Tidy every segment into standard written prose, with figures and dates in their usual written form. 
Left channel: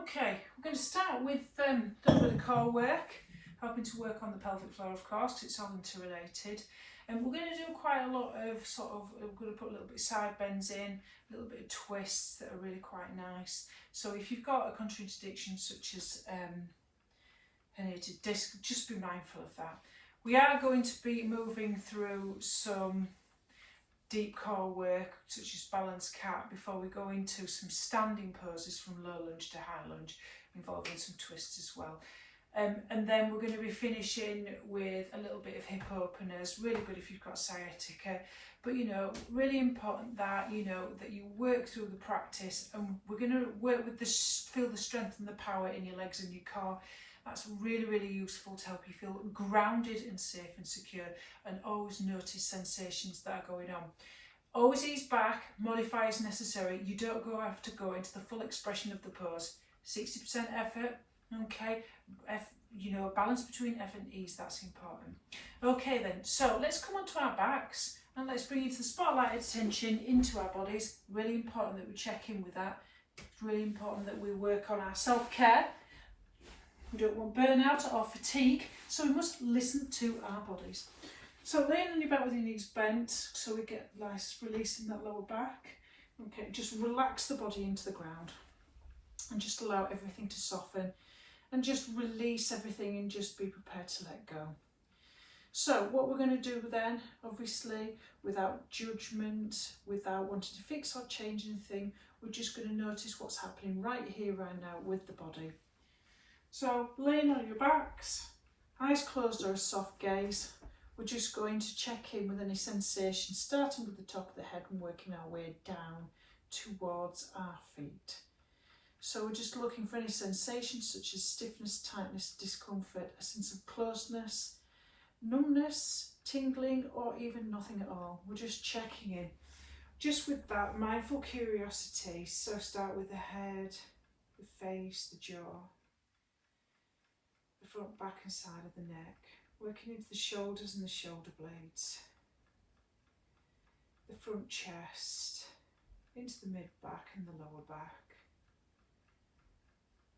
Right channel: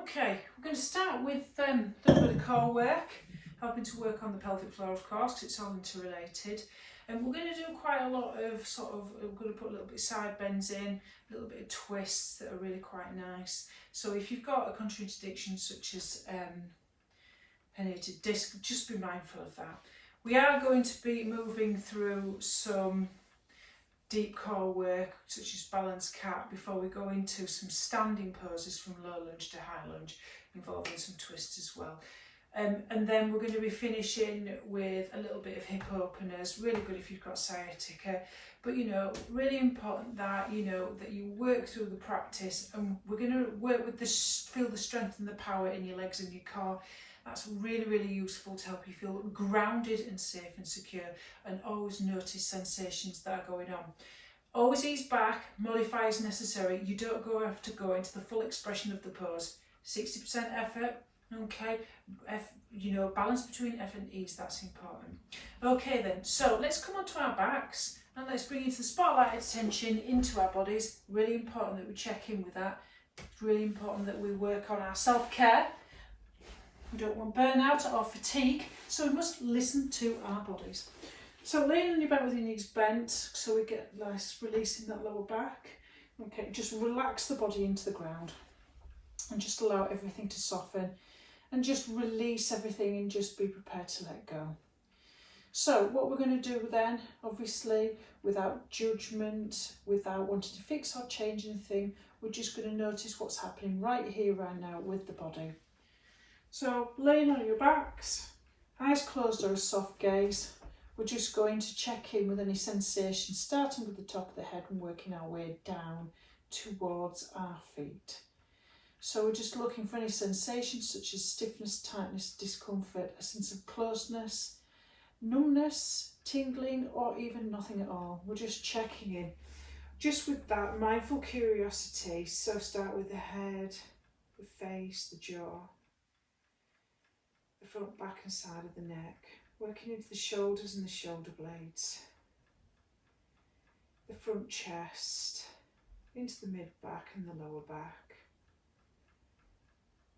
Okay, we're going to start with a little bit of core work, helping to work on the pelvic floor, of course, because it's all interrelated. And we're going to do quite a lot of I'm going to put a little bit of side bends in, a little bit of twists that are really quite nice. So if you've got a contraindication such as herniated disc, just be mindful of that. We are going to be moving through some deep core work such as balance cat before we go into some standing poses from low lunge to high lunge, involving some twists as well. And then we're going to be finishing with a little bit of hip openers, really good if you've got sciatica, but really important that that you work through the practice, and we're going to work with this, feel the strength and the power in your legs and your core. That's really, really useful to help you feel grounded and safe and secure, and always notice sensations that are going on. Always ease back, modify as necessary. You don't have to go into the full expression of the pose. 60% effort, okay? Balance between effort and ease, that's important. Okay then, so let's come onto our backs and let's bring into the spotlight attention into our bodies. Really important that we check in with that. It's really important that we work on our self-care. We don't want burnout or fatigue, so we must listen to our bodies. So laying on your back with your knees bent, so we get nice release in that lower back. Okay, just relax the body into the ground and just allow everything to soften, and just release everything and just be prepared to let go. So what we're going to do then, obviously, without judgment, without wanting to fix or change anything, we're just going to notice what's happening right here, right now with the body. So laying on your backs, eyes closed or a soft gaze, we're just going to check in with any sensations, starting with the top of the head and working our way down towards our feet. So we're just looking for any sensations such as stiffness, tightness, discomfort, a sense of closeness, numbness, tingling, or even nothing at all. We're just checking in, just with that mindful curiosity. So start with the head, the face, the jaw, the front, back and side of the neck, working into the shoulders and the shoulder blades, the front chest, into the mid-back and the lower back.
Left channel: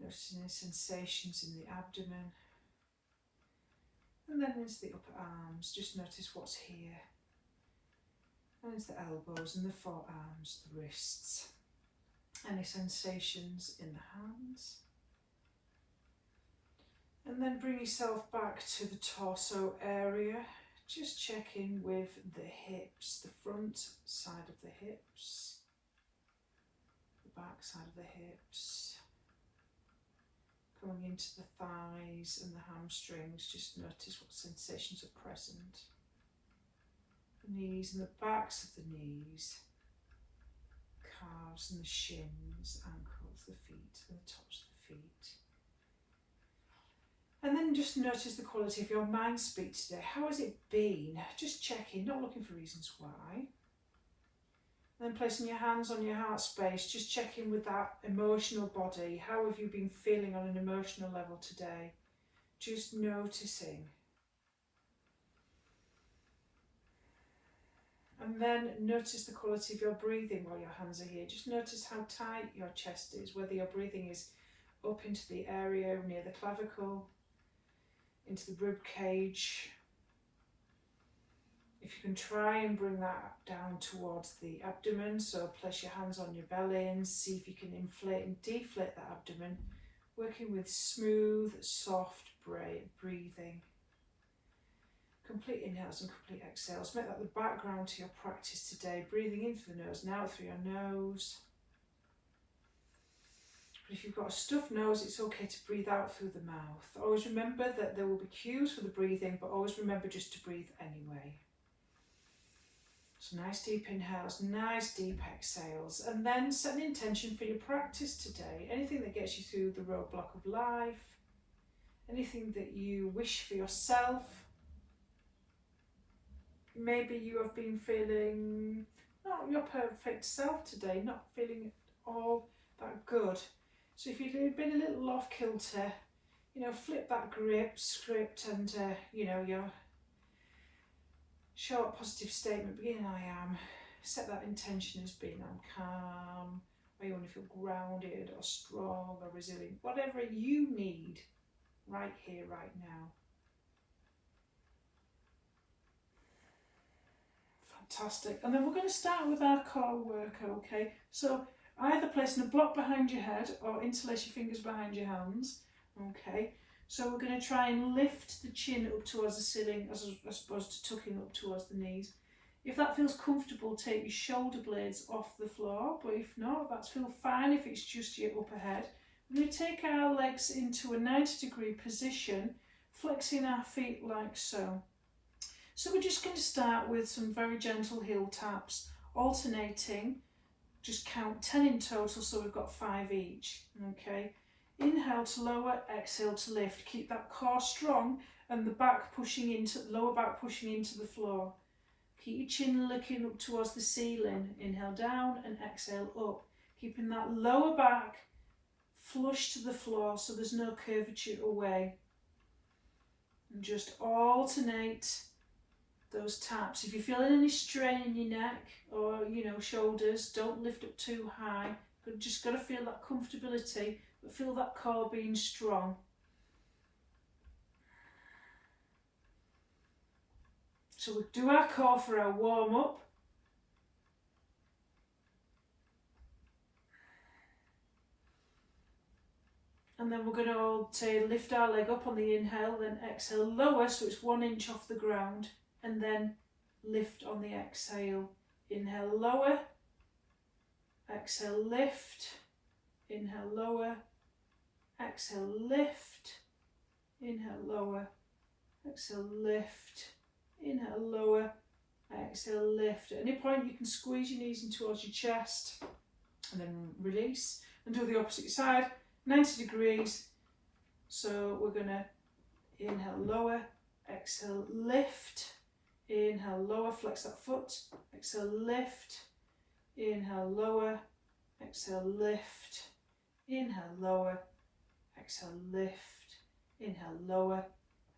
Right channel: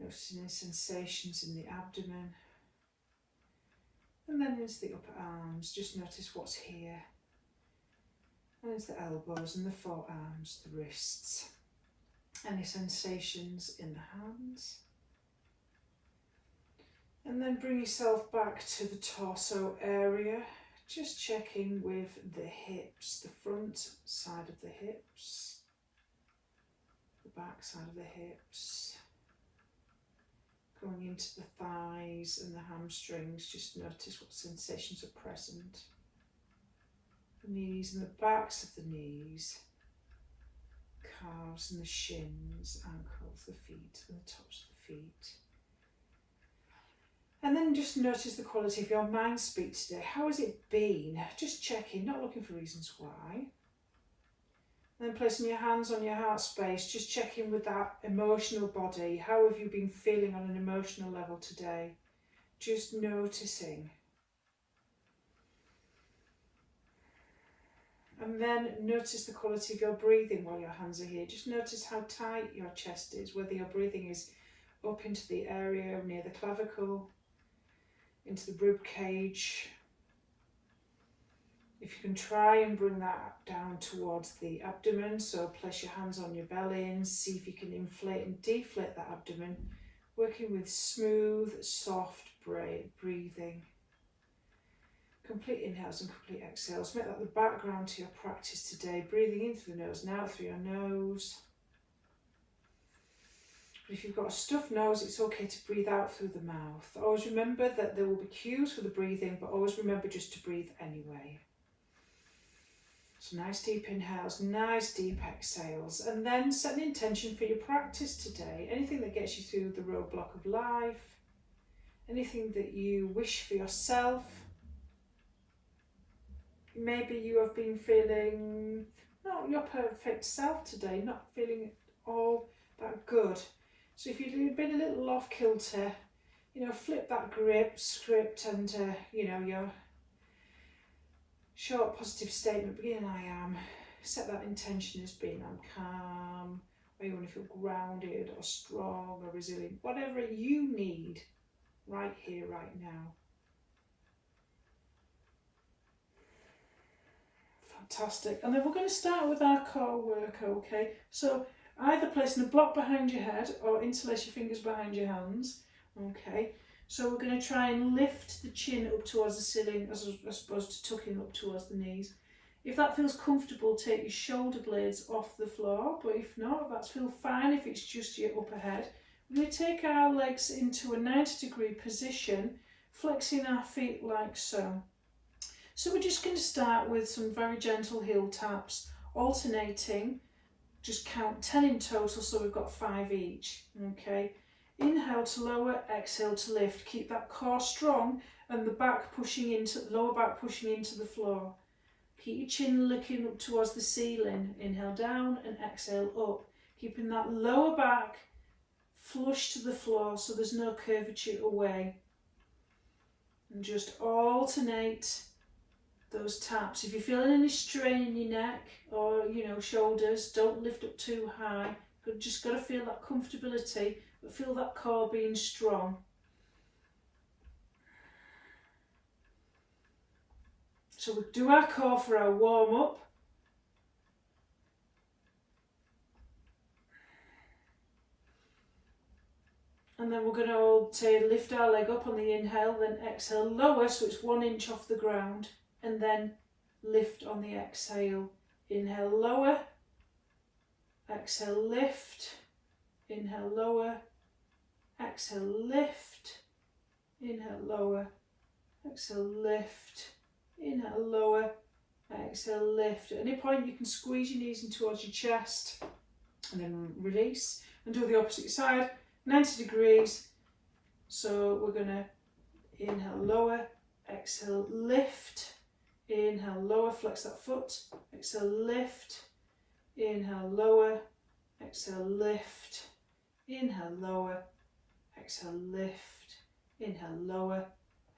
Noticing any sensations in the abdomen, and then into the upper arms. Just notice what's here, and into the elbows and the forearms, the wrists. Any sensations in the hands. And then bring yourself back to the torso area. Just checking with the hips, the front side of the hips, the back side of the hips, going into the thighs and the hamstrings. Just notice what sensations are present. The knees and the backs of the knees, calves and the shins, ankles, the feet and the tops of the feet. And then just notice the quality of your mind speak today. How has it been? Just checking, not looking for reasons why. And then placing your hands on your heart space, just checking with that emotional body. How have you been feeling on an emotional level today? Just noticing. And then notice the quality of your breathing while your hands are here. Just notice how tight your chest is, whether your breathing is up into the area near the clavicle, into the rib cage. If you can try and bring that down towards the abdomen, so place your hands on your belly and see if you can inflate and deflate that abdomen, working with smooth, soft breathing. Complete inhales and complete exhales. Make that the background to your practice today, breathing in through the nose and out through your nose. But if you've got a stuffed nose, it's okay to breathe out through the mouth. Always remember that there will be cues for the breathing, but always remember just to breathe anyway. So nice deep inhales, nice deep exhales, and then set an intention for your practice today. Anything that gets you through the roadblock of life, anything that you wish for yourself. Maybe you have been feeling not your perfect self today, not feeling all that good. So if you've been a little off kilter, flip that script and, your short positive statement, beginning I am, set that intention as being I'm calm, where you want to feel grounded or strong or resilient, whatever you need right here, right now. Fantastic. And then we're going to start with our core work, okay? So either placing a block behind your head or interlace your fingers behind your hands, okay? So we're going to try and lift the chin up towards the ceiling as opposed to tucking up towards the knees. If that feels comfortable, take your shoulder blades off the floor, but if not, that's feel fine if it's just your upper head. We're going to take our legs into a 90-degree position, flexing our feet like so. So we're just going to start with some very gentle heel taps, alternating. Just count 10 in total, so we've got 5 each, okay? Inhale to lower, exhale to lift. Keep that core strong and the back pushing into, lower back pushing into the floor. Keep your chin looking up towards the ceiling. Inhale down and exhale up. Keeping that lower back flush to the floor so there's no curvature away. And just alternate those taps. If you're feeling any strain in your neck or shoulders, don't lift up too high. Just got to feel that comfortability, but feel that core being strong. So we'll do our core for our warm up. And then we're going to lift our leg up on the inhale, then exhale, lower so it's 1 inch off the ground, and then lift on the exhale. Inhale, lower, exhale, lift, inhale, lower, exhale, lift, inhale, lower, exhale, lift, inhale, lower, exhale, lift. At any point you can squeeze your knees in towards your chest and then release and do the opposite side, 90 degrees. So we're going to inhale, lower, exhale, lift, inhale, lower, flex that foot, exhale, lift, inhale, lower, exhale, lift, inhale, lower, exhale, lift, inhale, lower,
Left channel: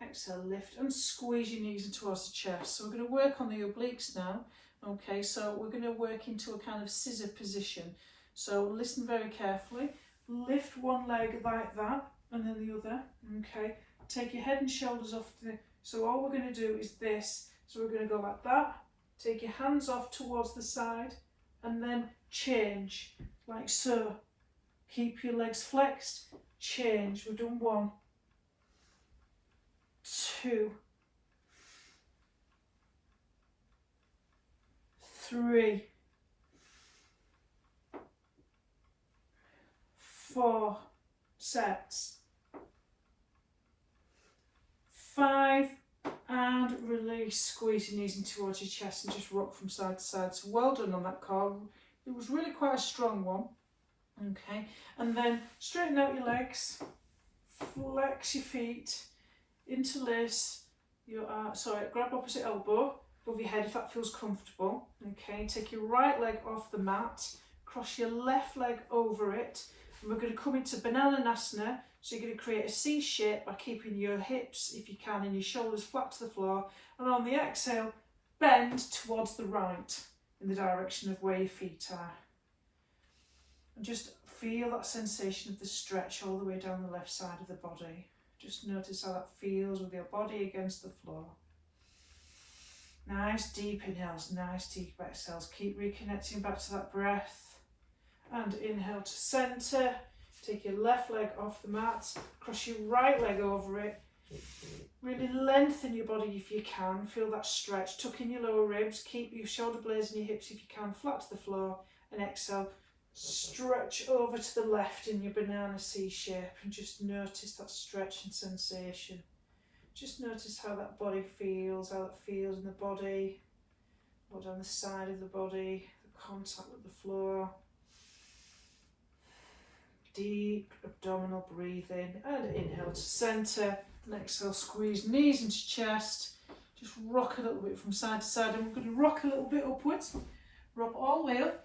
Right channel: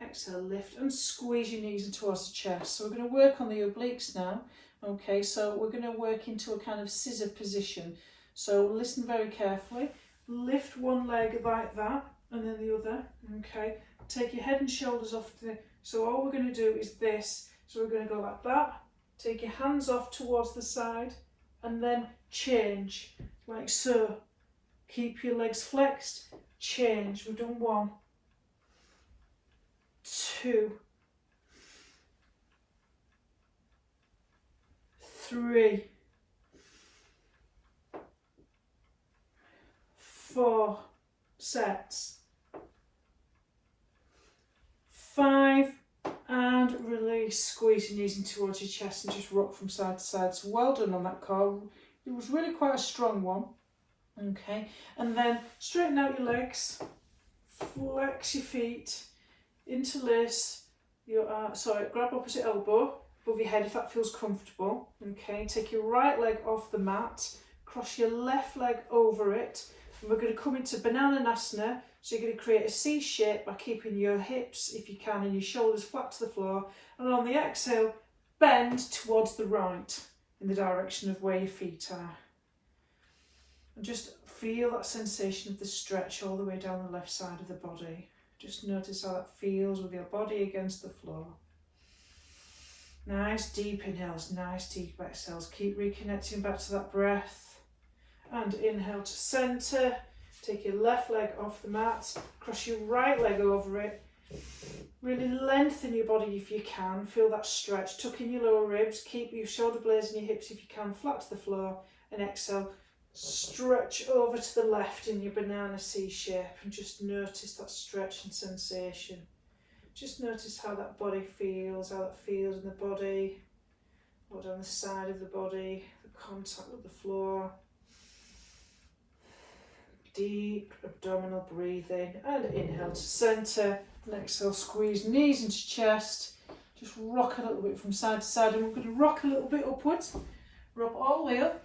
exhale, lift, and squeeze your knees in towards the chest. So we're going to work on the obliques now. Okay, so we're going to work into a kind of scissor position. So listen very carefully. Lift one leg like that and then the other. Okay, take your head and shoulders off so all we're going to do is this. So we're going to go like that, take your hands off towards the side and then change like so. Keep your legs flexed, change. We've done 1, 2, 3, 4 sets, 5, and release. Squeeze your knees in towards your chest and just rock from side to side. So well done on that core. It was really quite a strong one. Okay, and then straighten out your legs, flex your feet, interlace your grab opposite elbow above your head if that feels comfortable. Okay, take your right leg off the mat, cross your left leg over it, and we're going to come into Bananasana. So you're going to create a C shape by keeping your hips, if you can, and your shoulders flat to the floor. And on the exhale, bend towards the right in the direction of where your feet are. And just feel that sensation of the stretch all the way down the left side of the body. Just notice how that feels with your body against the floor. Nice deep inhales, nice deep exhales. Keep reconnecting back to that breath. And inhale to centre. Take your left leg off the mat, cross your right leg over it. Really lengthen your body if you can. Feel that stretch. Tuck in your lower ribs. Keep your shoulder blades and your hips if you can flat to the floor. And exhale. Stretch over to the left in your banana C shape and just notice that stretch and sensation. Just notice how that body feels, how that feels in the body, or down the side of the body, the contact with the floor. Deep abdominal breathing and inhale to centre and exhale, squeeze knees into chest. Just rock a little bit from side to side and we're going to rock a little bit upwards. Rock all the way up.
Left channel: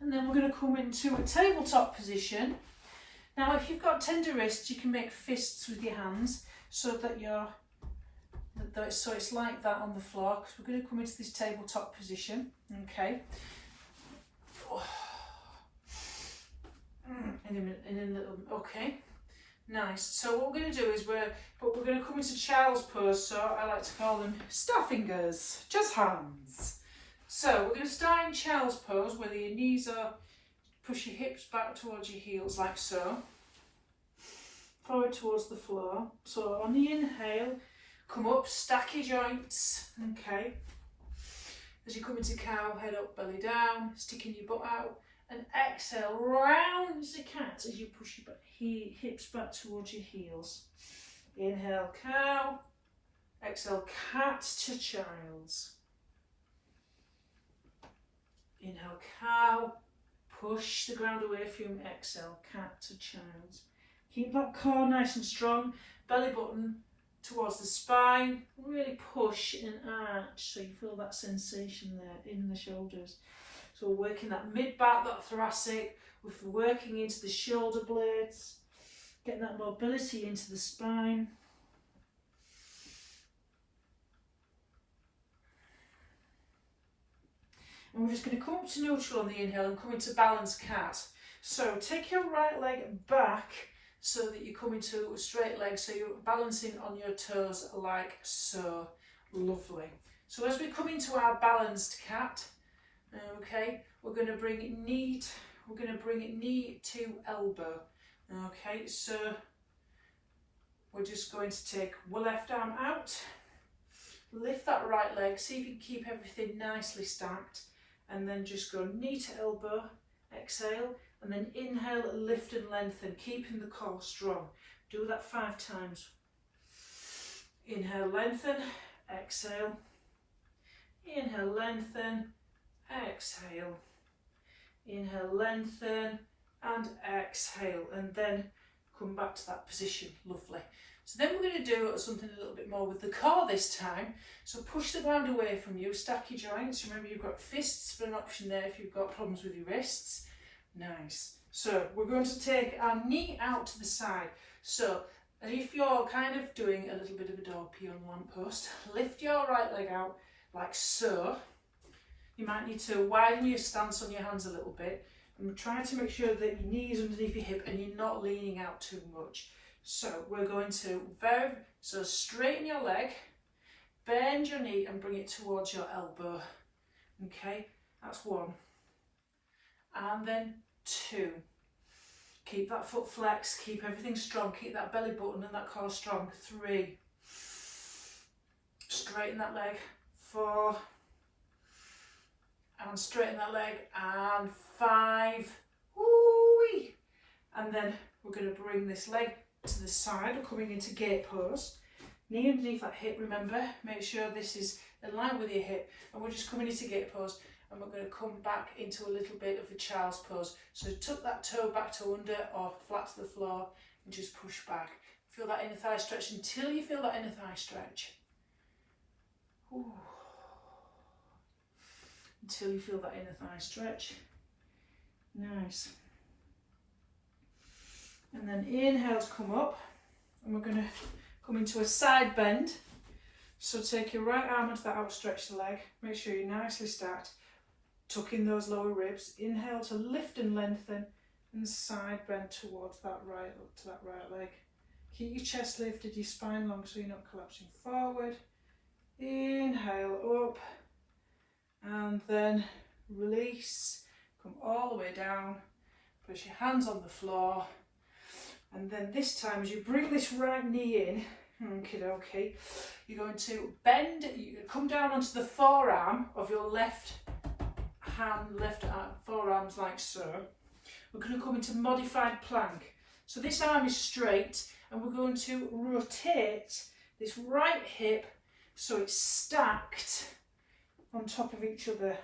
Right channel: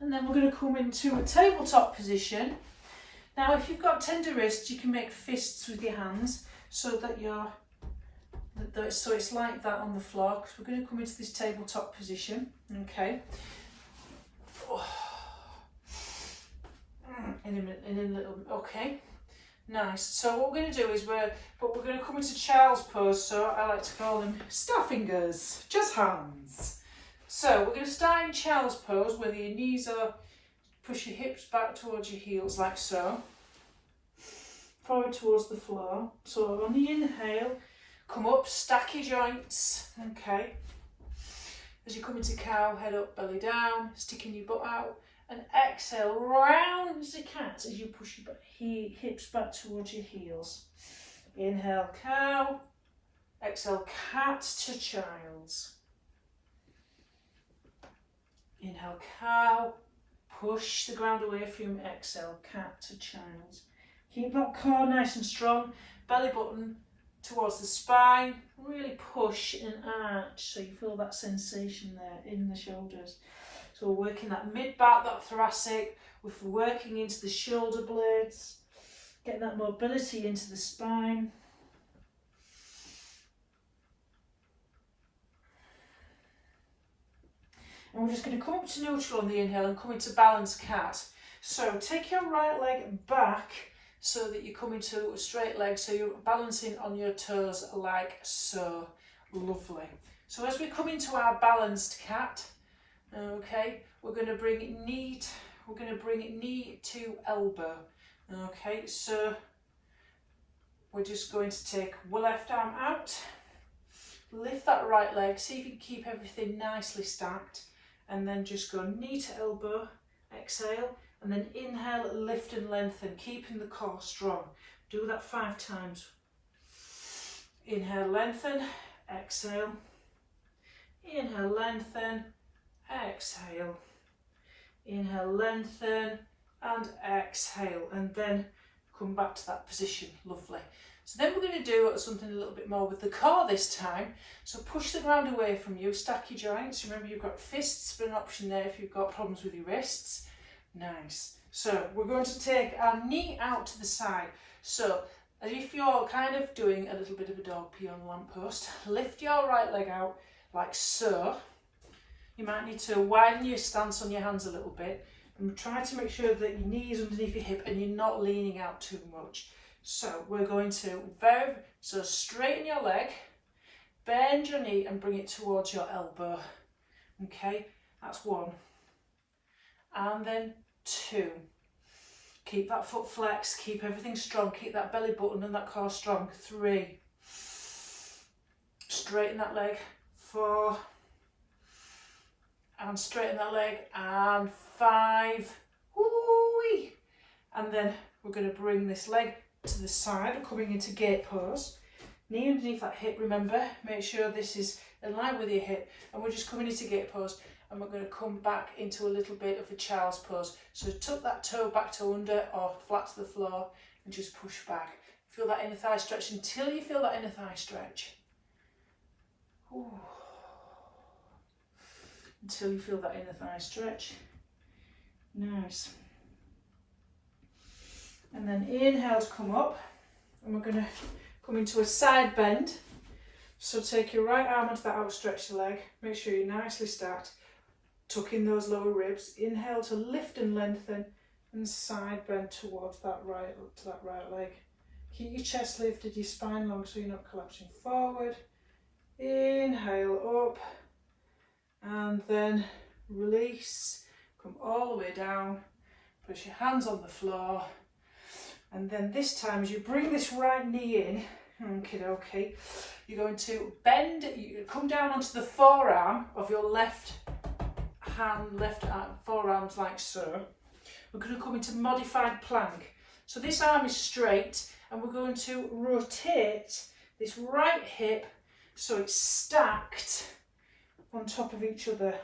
And then we're going to come into a tabletop position. Now if you've got tender wrists, you can make fists with your hands so that so it's like that on the floor, because we're going to come into this tabletop position. Okay. in a little, okay. Nice. So what we're going to do is we're going to come into child's pose, so I like to call them star fingers, just hands. So we're going to start in child's pose, whether your knees are, push your hips back towards your heels like so. Forward towards the floor. So on the inhale, come up, stack your joints, okay. As you come into cow, head up, belly down, sticking your butt out. And exhale, round as a cat as you push your hips back towards your heels. Inhale, cow. Exhale, cat to child's. Inhale, cow. Push the ground away from you. Exhale, cat to child's. Keep that core nice and strong. Belly button towards the spine. Really push and arch so you feel that sensation there in the shoulders. So we're working that mid-back, that thoracic, we're working into the shoulder blades, getting that mobility into the spine. And we're just going to come up to neutral on the inhale and come into balanced cat. So take your right leg back so that you come into a straight leg, so you're balancing on your toes like so. Lovely. So as we come into our balanced cat, okay, we're going to bring knee to elbow. Okay, so we're just going to take one left arm out, lift that right leg, see if you can keep everything nicely stacked, and then just go knee to elbow, exhale, and then inhale, lift and lengthen, keeping the core strong. Do that 5 times. Inhale, lengthen, exhale, inhale, lengthen, exhale, inhale, lengthen and exhale, and then come back to that position. Lovely. So then we're going to do something a little bit more with the core this time. So push the ground away from you, stack your joints. Remember, you've got fists for an option there if you've got problems with your wrists. Nice. So we're going to take our knee out to the side. So as if you're kind of doing a little bit of a dog pee on the lamppost, lift your right leg out like so. You might need to widen your stance on your hands a little bit and try to make sure that your knee is underneath your hip and you're not leaning out too much. So we're going to so straighten your leg, bend your knee and bring it towards your elbow. Okay, that's 1. And then 2. Keep that foot flexed, keep everything strong, keep that belly button and that core strong. 3. Straighten that leg. 4. And straighten that leg. And 5. Woo-wee. And then we're going to bring this leg to the side. We're coming into gate pose. Knee underneath that hip, remember. Make sure this is in line with your hip. And we're just coming into gate pose. And we're going to come back into a little bit of a child's pose. So tuck that toe back to under or flat to the floor and just push back. Feel that inner thigh stretch until you feel that inner thigh stretch. Ooh. Until you feel that inner thigh stretch. Nice. And then inhale to come up. And we're going to come into a side bend. So take your right arm onto that outstretched leg. Make sure you're nicely stacked. Tuck in those lower ribs. Inhale to lift and lengthen and side bend towards that right leg. Keep your chest lifted, your spine long so you're not collapsing forward. Inhale up and then release. Come all the way down. Press your hands on the floor. And then this time as you bring this right knee in, okay, you're going to bend, you come down onto the forearm of your left arm, forearms like so. We're going to come into modified plank. So this arm is straight and we're going to rotate this right hip so it's stacked on top of each other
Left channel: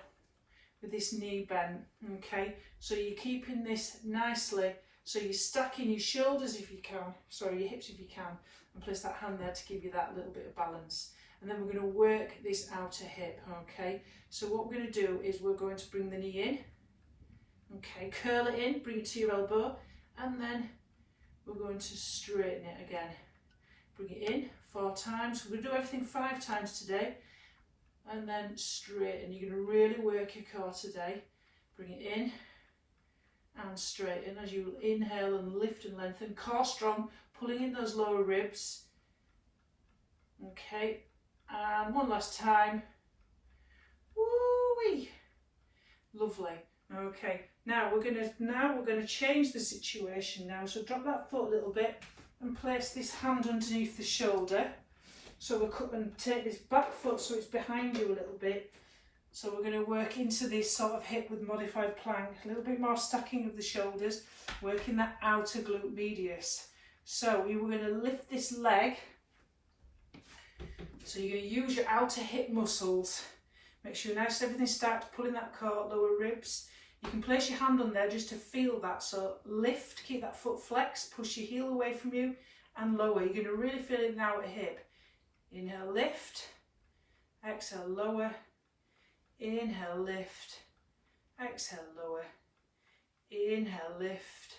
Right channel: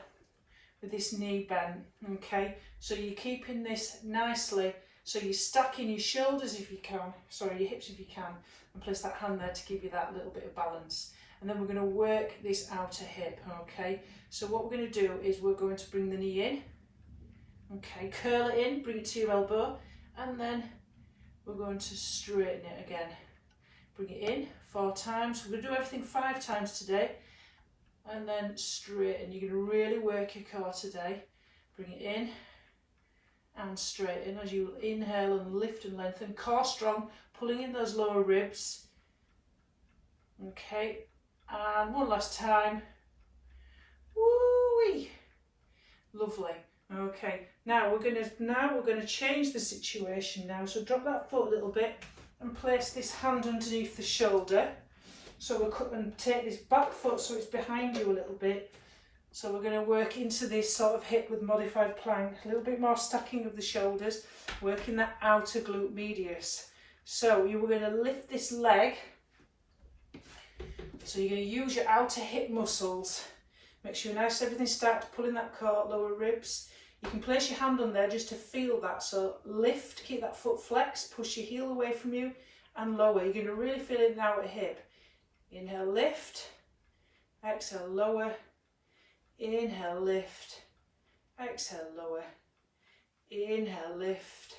with this knee bent. Okay, so you're keeping this nicely. So you're stacking your shoulders if you can, sorry, your hips if you can, and place that hand there to give you that little bit of balance. And then we're going to work this outer hip, okay? So what we're going to do is we're going to bring the knee in, okay, curl it in, bring it to your elbow, and then we're going to straighten it again. Bring it in 4 times. We're going to do everything 5 times today, and then straighten. You're going to really work your core today. Bring it in and straighten as you inhale and lift and lengthen. Core strong, pulling in those lower ribs. Okay, and one last time. Woo-wee. Lovely. Okay, now we're gonna change the situation now. So drop that foot a little bit and place this hand underneath the shoulder. So we'll cut and take this back foot so it's behind you a little bit. So we're going to work into this sort of hip with modified plank, a little bit more stacking of the shoulders, working that outer glute medius. So you were going to lift this leg. So you're going to use your outer hip muscles. Make sure nice everything starts pulling that core, lower ribs. You can place your hand on there just to feel that. So lift, keep that foot flexed, push your heel away from you and lower. You're going to really feel it in the outer hip. Inhale, lift. Exhale, lower. Inhale, lift. Exhale, lower. Inhale, lift.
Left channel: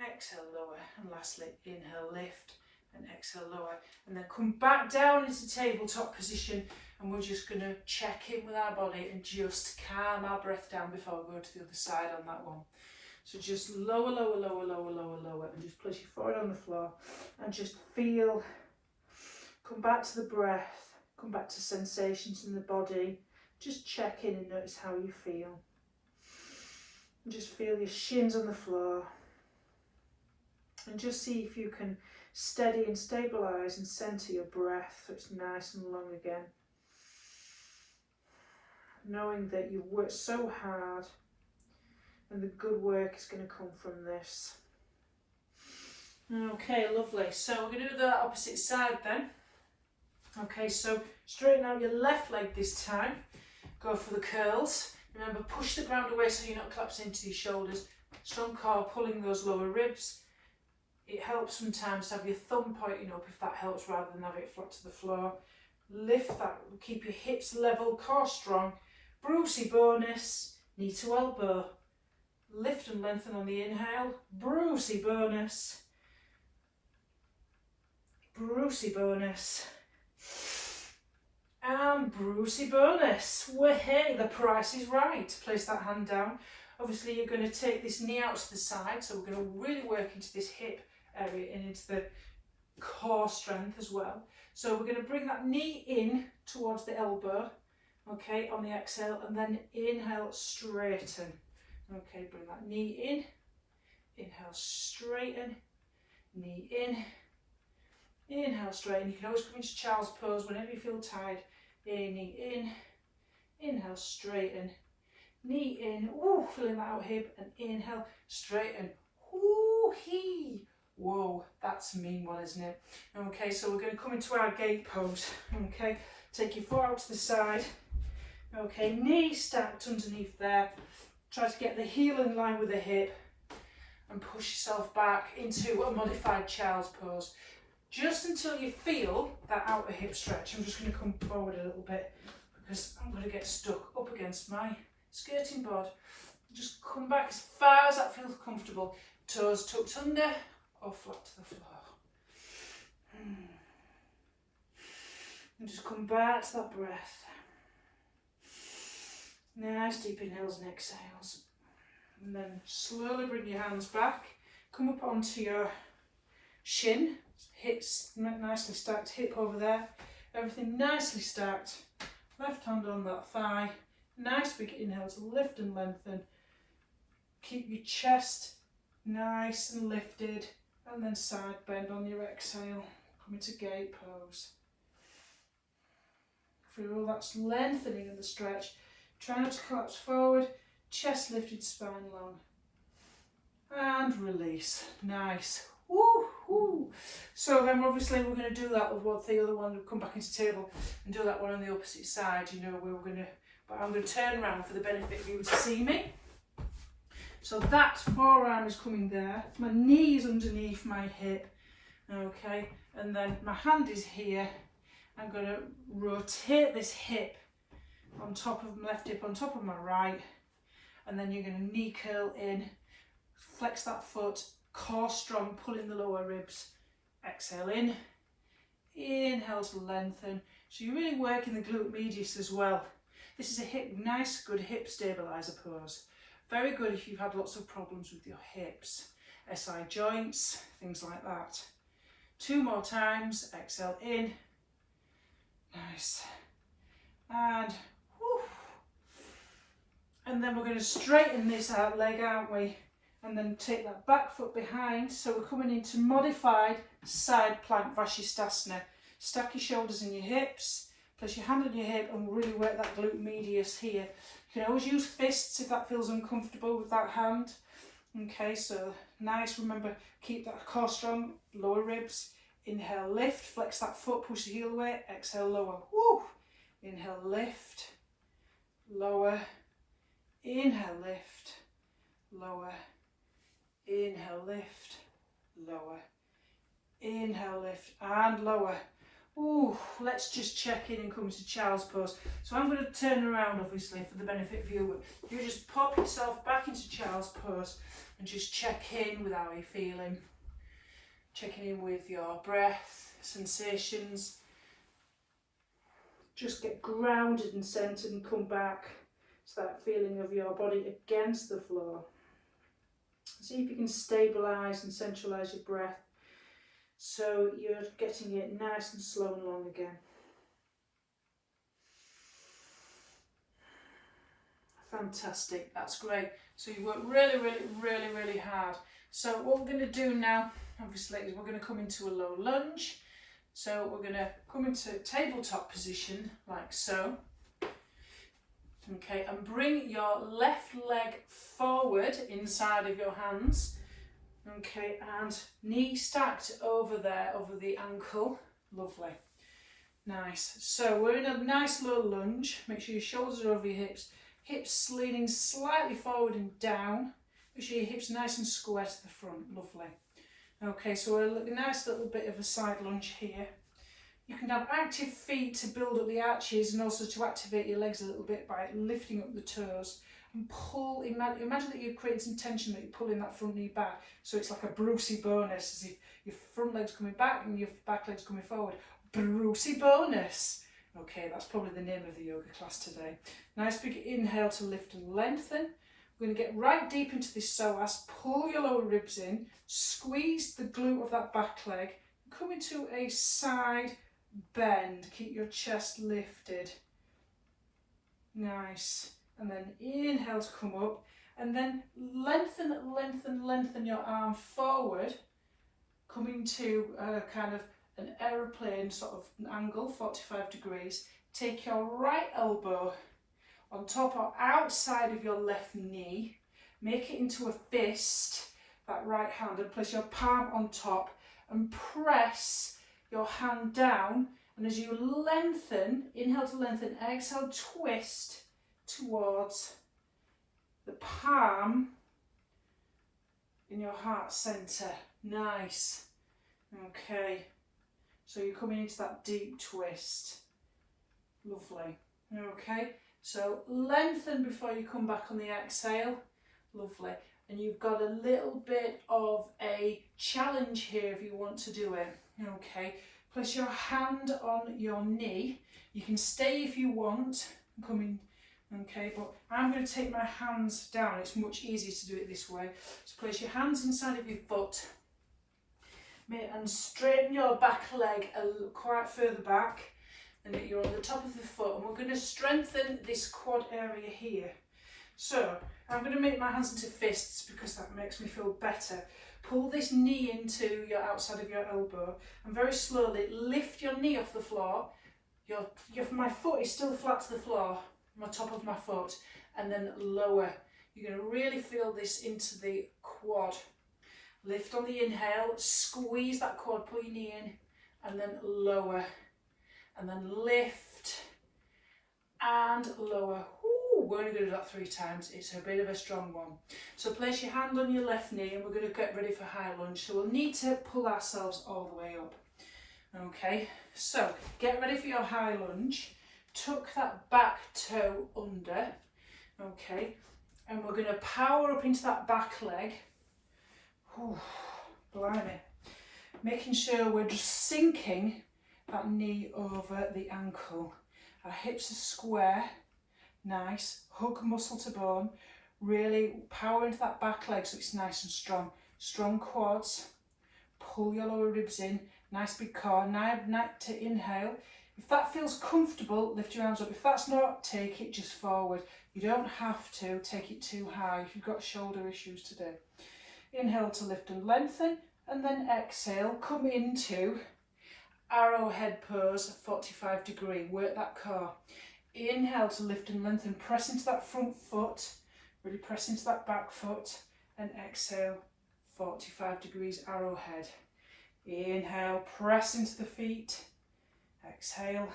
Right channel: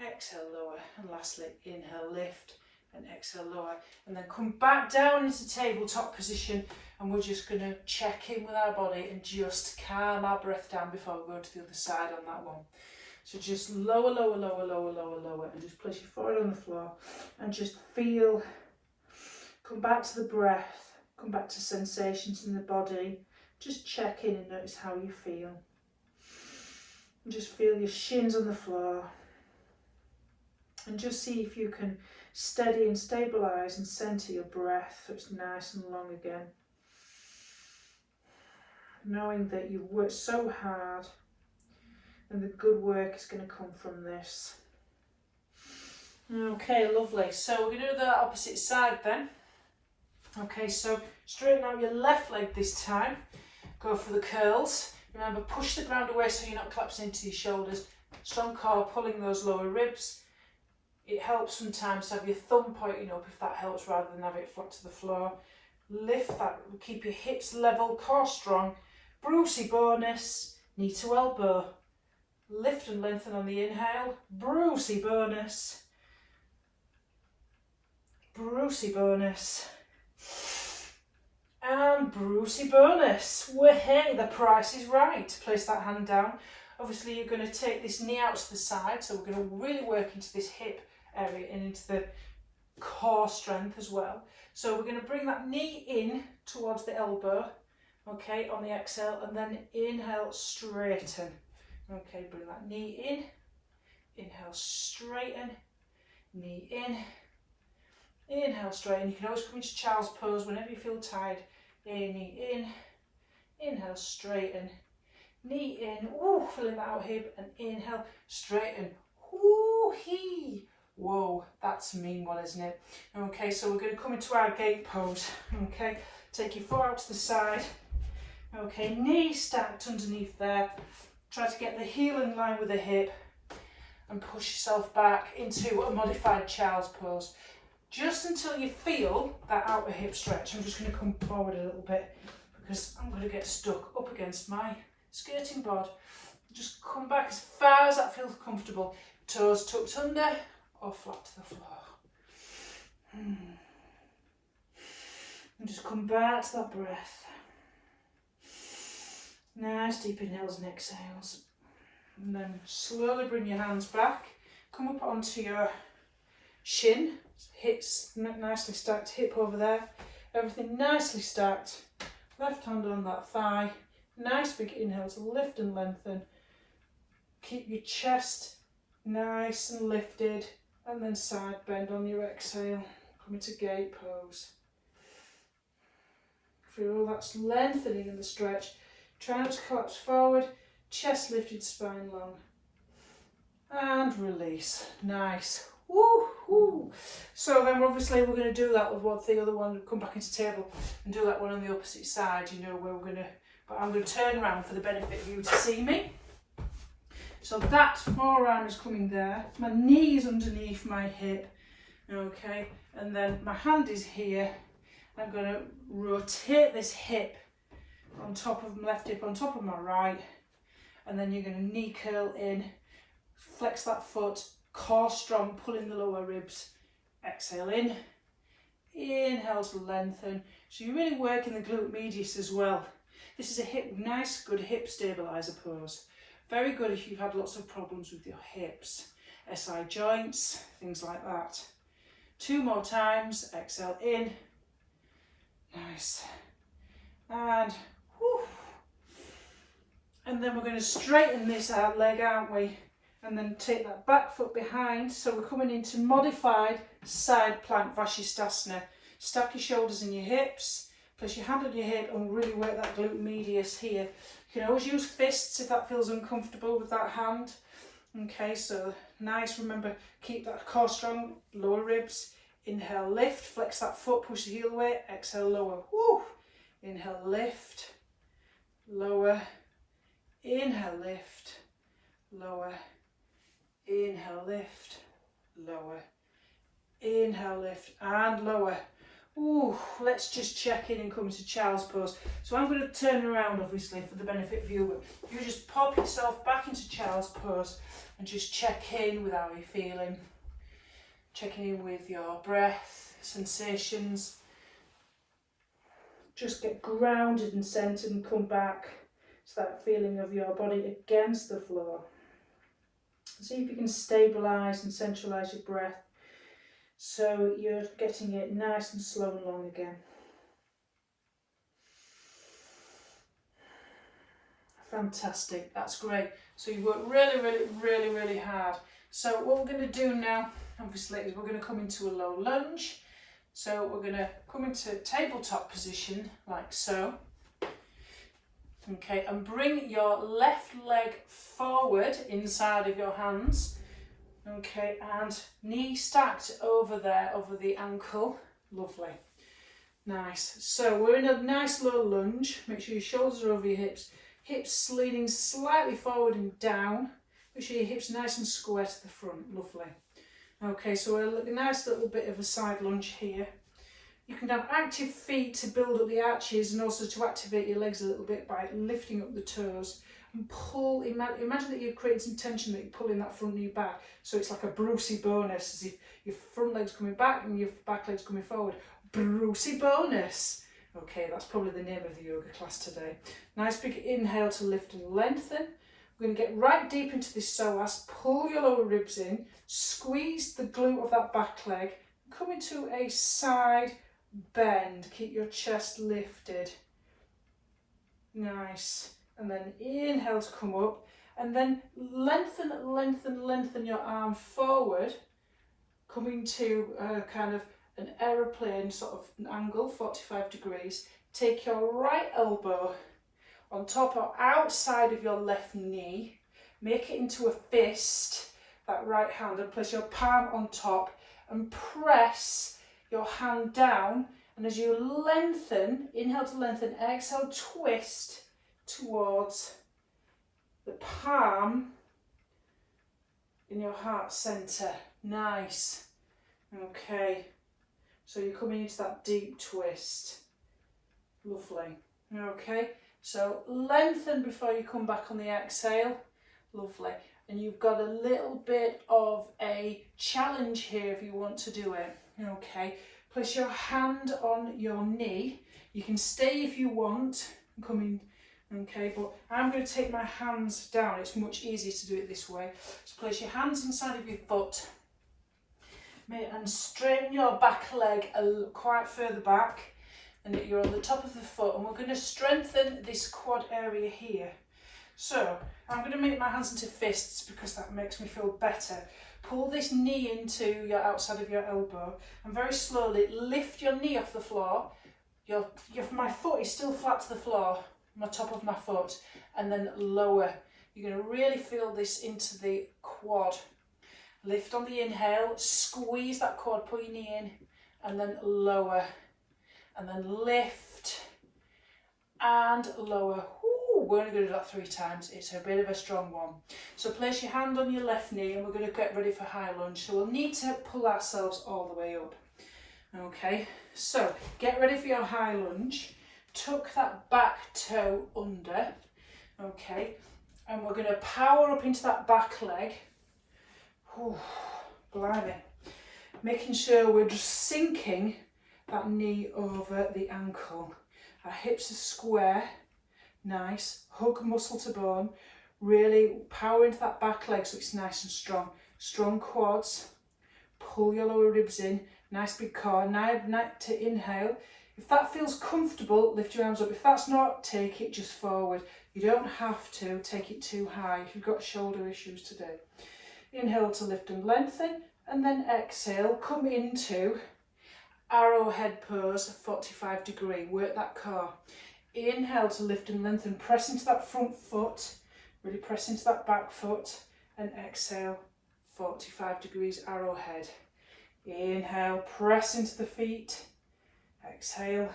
Exhale, lower. And lastly, inhale, lift. And exhale, lower. And then come back down into tabletop position. And we're just going to check in with our body and just calm our breath down before we go to the other side on that one. So just lower, lower, lower, lower, lower, lower. And just place your forehead on the floor. And just feel. Come back to the breath. Come back to sensations in the body. Just check in and notice how you feel. And just feel your shins on the floor. And just see if you can steady and stabilise and centre your breath so it's nice and long again. Knowing that you've worked so hard and the good work is going to come from this. Okay, lovely. So we're going to do the opposite side then. Okay, so straighten out your left leg this time. Go for the curls. Remember, push the ground away so you're not collapsing into your shoulders. Strong core, pulling those lower ribs. It helps sometimes to have your thumb pointing up if that helps rather than have it flat to the floor. Lift that, keep your hips level, core strong. Brucey bonus, knee to elbow. Lift and lengthen on the inhale. Brucey bonus. Brucey bonus. And Brucey bonus. Hey, the price is right. Place that hand down. Obviously you're going to take this knee out to the side, so we're going to really work into this hip area and into the core strength as well. So we're going to bring that knee in towards the elbow, okay, on the exhale, and then inhale, straighten. Okay, bring that knee in, inhale, straighten, knee in, inhale, straighten. You can always come into child's pose whenever you feel tired. Knee in, inhale, straighten, knee in, ooh, filling that out hip, and inhale, straighten, ooh, hee. Whoa, that's a mean one, isn't it? Okay, so we're going to come into our gate pose. Okay, take your foot out to the side. Okay, knee stacked underneath there. Try to get the heel in line with the hip and push yourself back into a modified child's pose. Just until you feel that outer hip stretch. I'm just going to come forward a little bit because I'm going to get stuck up against my skirting board. Just come back as far as that feels comfortable. Toes tucked under or flat to the floor. And just come back to that breath. Nice deep inhales and exhales. And then slowly bring your hands back. Come up onto your shin. Hips nicely stacked, hip over there. Everything nicely stacked. Left hand on that thigh. Nice big inhale to lift and lengthen. Keep your chest nice and lifted. And then side bend on your exhale. Come into gate pose. Feel that's lengthening in the stretch. Try not to collapse forward. Chest lifted, spine long. And release. Nice. Woo, woo. So then obviously we're going to do that with what the other one, come back into table and do that one on the opposite side, you know, where we're going to, but I'm going to turn around for the benefit of you to see me. So that forearm is coming there, my knee is underneath my hip, okay, and then my hand is here. I'm going to rotate this hip on top of my left hip, on top of my right, and then you're going to knee curl in, flex that foot, core strong, pulling the lower ribs, exhale in, inhale to lengthen. So you're really working the glute medius as well. This is a hip, nice, good hip stabiliser pose. Very good if you've had lots of problems with your hips, SI joints, things like that. 2 more times, exhale in, nice, and whew. And then we're going to straighten this out leg, aren't we? And then take that back foot behind, so we're coming into modified side plank Vashisthasana. Stack your shoulders in your hips, place your hand on your hip and really work that glute medius here. You can always use fists if that feels uncomfortable with that hand. Okay, so nice, remember, keep that core strong, lower ribs. Inhale, lift, flex that foot, push the heel away, exhale, lower. Woo! Inhale, lift, lower. Inhale, lift, lower. Inhale, lift, lower. Inhale, lift and lower. Ooh, let's just check in and come to child's pose. So I'm going to turn around, obviously, for the benefit of you. You just pop yourself back into child's pose and just check in with how you're feeling. Checking in with your breath, sensations. Just get grounded and centered and come back to that feeling of your body against the floor. See if you can stabilise and centralise your breath so you're getting it nice and slow and long again. Fantastic, that's great. So you work really hard. So what we're going to do now, obviously, is we're going to come into a low lunge. So we're going to come into tabletop position like so. Okay, and bring your left leg forward inside of your hands. Okay, and knee stacked over there, over the ankle. Lovely. Nice. So we're in a nice low lunge. Make sure your shoulders are over your hips. Hips leaning slightly forward and down. Make sure your hips are nice and square to the front. Lovely. Okay, so we're a nice little bit of a side lunge here. You can have active feet to build up the arches and also to activate your legs a little bit by lifting up the toes and pull. Imagine that you're creating some tension, that you're pulling that front knee back, so it's like a Brucey bonus, as if your front leg's coming back and your back leg's coming forward. Brucey bonus. Okay, that's probably the name of the yoga class today. Nice big inhale to lift and lengthen. We're going to get right deep into this psoas. Pull your lower ribs in, squeeze the glute of that back leg, come into a side bend. Keep your chest lifted. Nice. And then inhale to come up, and then lengthen your arm forward, coming to kind of an aeroplane sort of angle, 45 degrees. Take your right elbow on top or outside of your left knee, make it into a fist, that right hand, and place your palm on top and press your hand down. And as you lengthen, inhale to lengthen, exhale, twist towards the palm in your heart center. Nice. Okay. So you're coming into that deep twist. Lovely. Okay. So lengthen before you come back on the exhale. Lovely. And you've got a little bit of a challenge here if you want to do it. Okay. Place your hand on your knee. You can stay if you want. Coming. Okay, but I'm going to take my hands down. It's much easier to do it this way. So place your hands inside of your foot and straighten your back leg quite further back, and you're on the top of the foot, and we're going to strengthen this quad area here. So I'm going to make my hands into fists because that makes me feel better. Pull this knee into your outside of your elbow and very slowly lift your knee off the floor. My foot is still flat to the floor, my top of my foot, and then lower. You're going to really feel this into the quad. Lift on the inhale, squeeze that quad, pull your knee in, and then lower, and then lift and lower. Ooh, we're only going to do that 3 times. It's a bit of a strong one. So place your hand on your left knee, and we're going to get ready for high lunge. So we'll need to pull ourselves all the way up. Okay, so get ready for your high lunge. Tuck that back toe under, okay, and we're going to power up into that back leg. Ooh, blimey. Making sure we're just sinking that knee over the ankle. Our hips are square, nice, hug muscle to bone. Really power into that back leg so it's nice and strong. Strong quads. Pull your lower ribs in. Nice big core. Now to inhale. If that feels comfortable, lift your arms up. If that's not, take it just forward. You don't have to take it too high if you've got shoulder issues today. Inhale to lift and lengthen, and then exhale, come into arrowhead pose, 45 degree, work that core. Inhale to lift and lengthen, press into that front foot, really press into that back foot, and exhale, 45 degrees arrowhead. Inhale, press into the feet, exhale,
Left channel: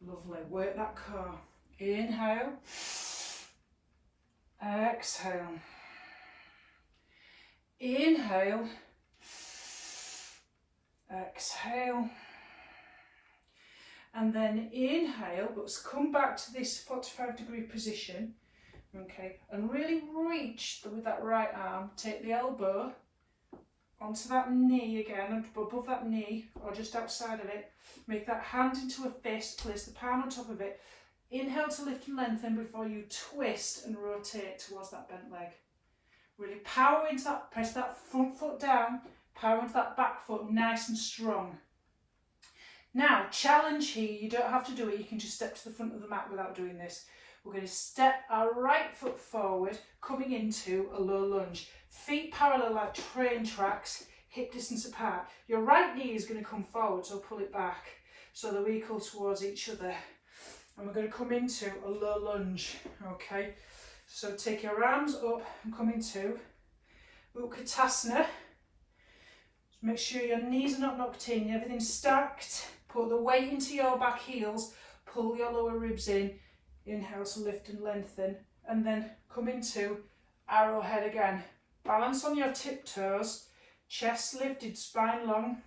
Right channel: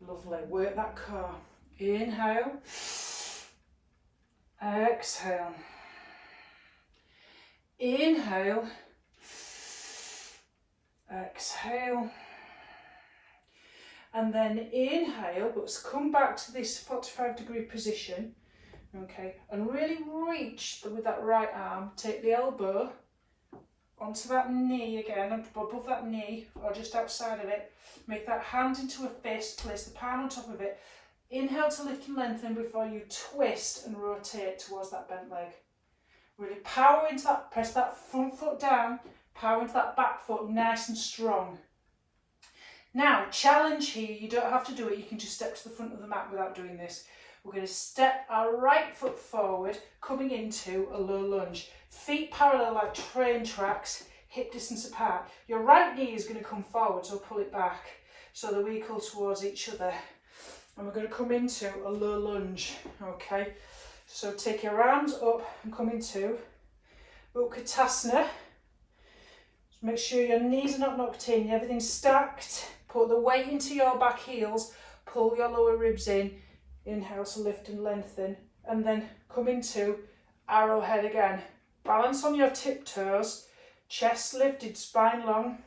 lovely, work that core. Inhale, exhale, inhale, exhale, and then inhale, but come back to this 45 degree position, okay, and really reach with that right arm, take the elbow onto that knee again, above that knee or just outside of it, make that hand into a fist, place the palm on top of it, inhale to lift and lengthen before you twist and rotate towards that bent leg. Really power into that, press that front foot down, power into that back foot, nice and strong. Now, challenge here, you don't have to do it, you can just step to the front of the mat without doing this. We're going to step our right foot forward, coming into a low lunge. Feet parallel like train tracks, hip distance apart. Your right knee is going to come forward, so pull it back so they're equal towards each other. And we're going to come into a low lunge, okay? So take your arms up and come into Utkatasana. Make sure your knees are not knocked in, everything's stacked. Put the weight into your back heels, pull your lower ribs in, inhale to lift and lengthen, and then come into arrowhead again. Balance on your tiptoes, chest lifted, spine long.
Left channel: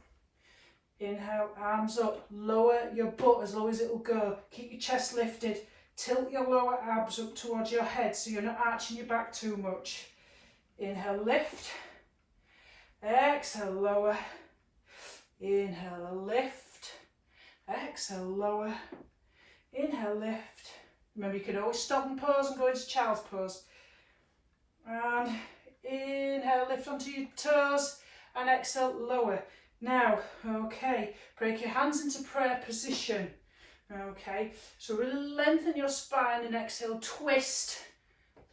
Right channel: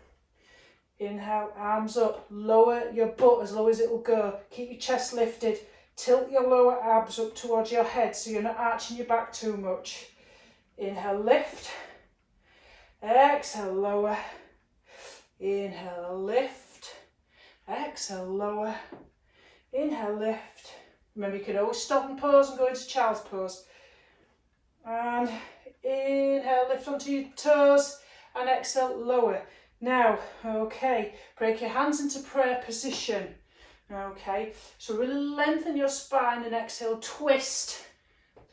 Inhale, arms up, lower your butt as low as it will go. Keep your chest lifted, tilt your lower abs up towards your head so you're not arching your back too much. Inhale, lift. Exhale, lower. Inhale, lift. Exhale, lower. Inhale, lift. Remember, you can always stop and pause and go into child's pose. And inhale, lift onto your toes. And exhale, lower. Now, okay, break your hands into prayer position. Okay, so really lengthen your spine and exhale, twist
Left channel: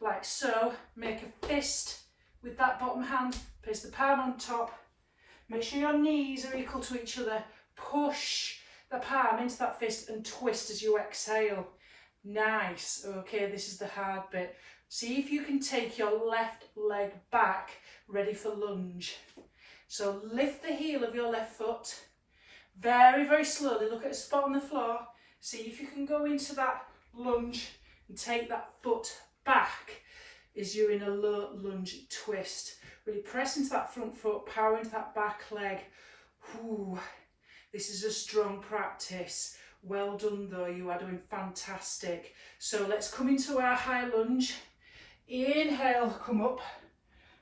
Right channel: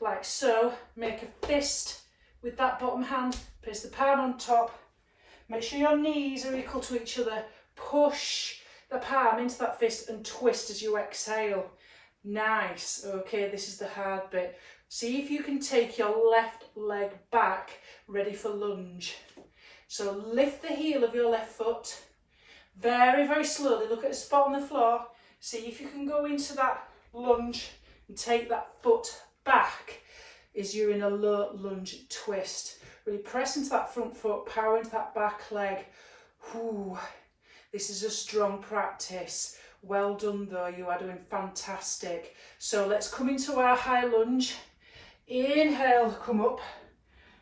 like so. Make a fist with that bottom hand. Place the palm on top. Make sure your knees are equal to each other. Push the palm into that fist and twist as you exhale. Nice. Okay, this is the hard bit. See if you can take your left leg back, ready for lunge. So lift the heel of your left foot. Very, very slowly. Look at a spot on the floor. See if you can go into that lunge and take that foot back as you're in a low lunge twist. Really press into that front foot, power into that back leg. Whew. This is a strong practice. Well done though, you are doing fantastic. So let's come into our high lunge. Inhale, come up.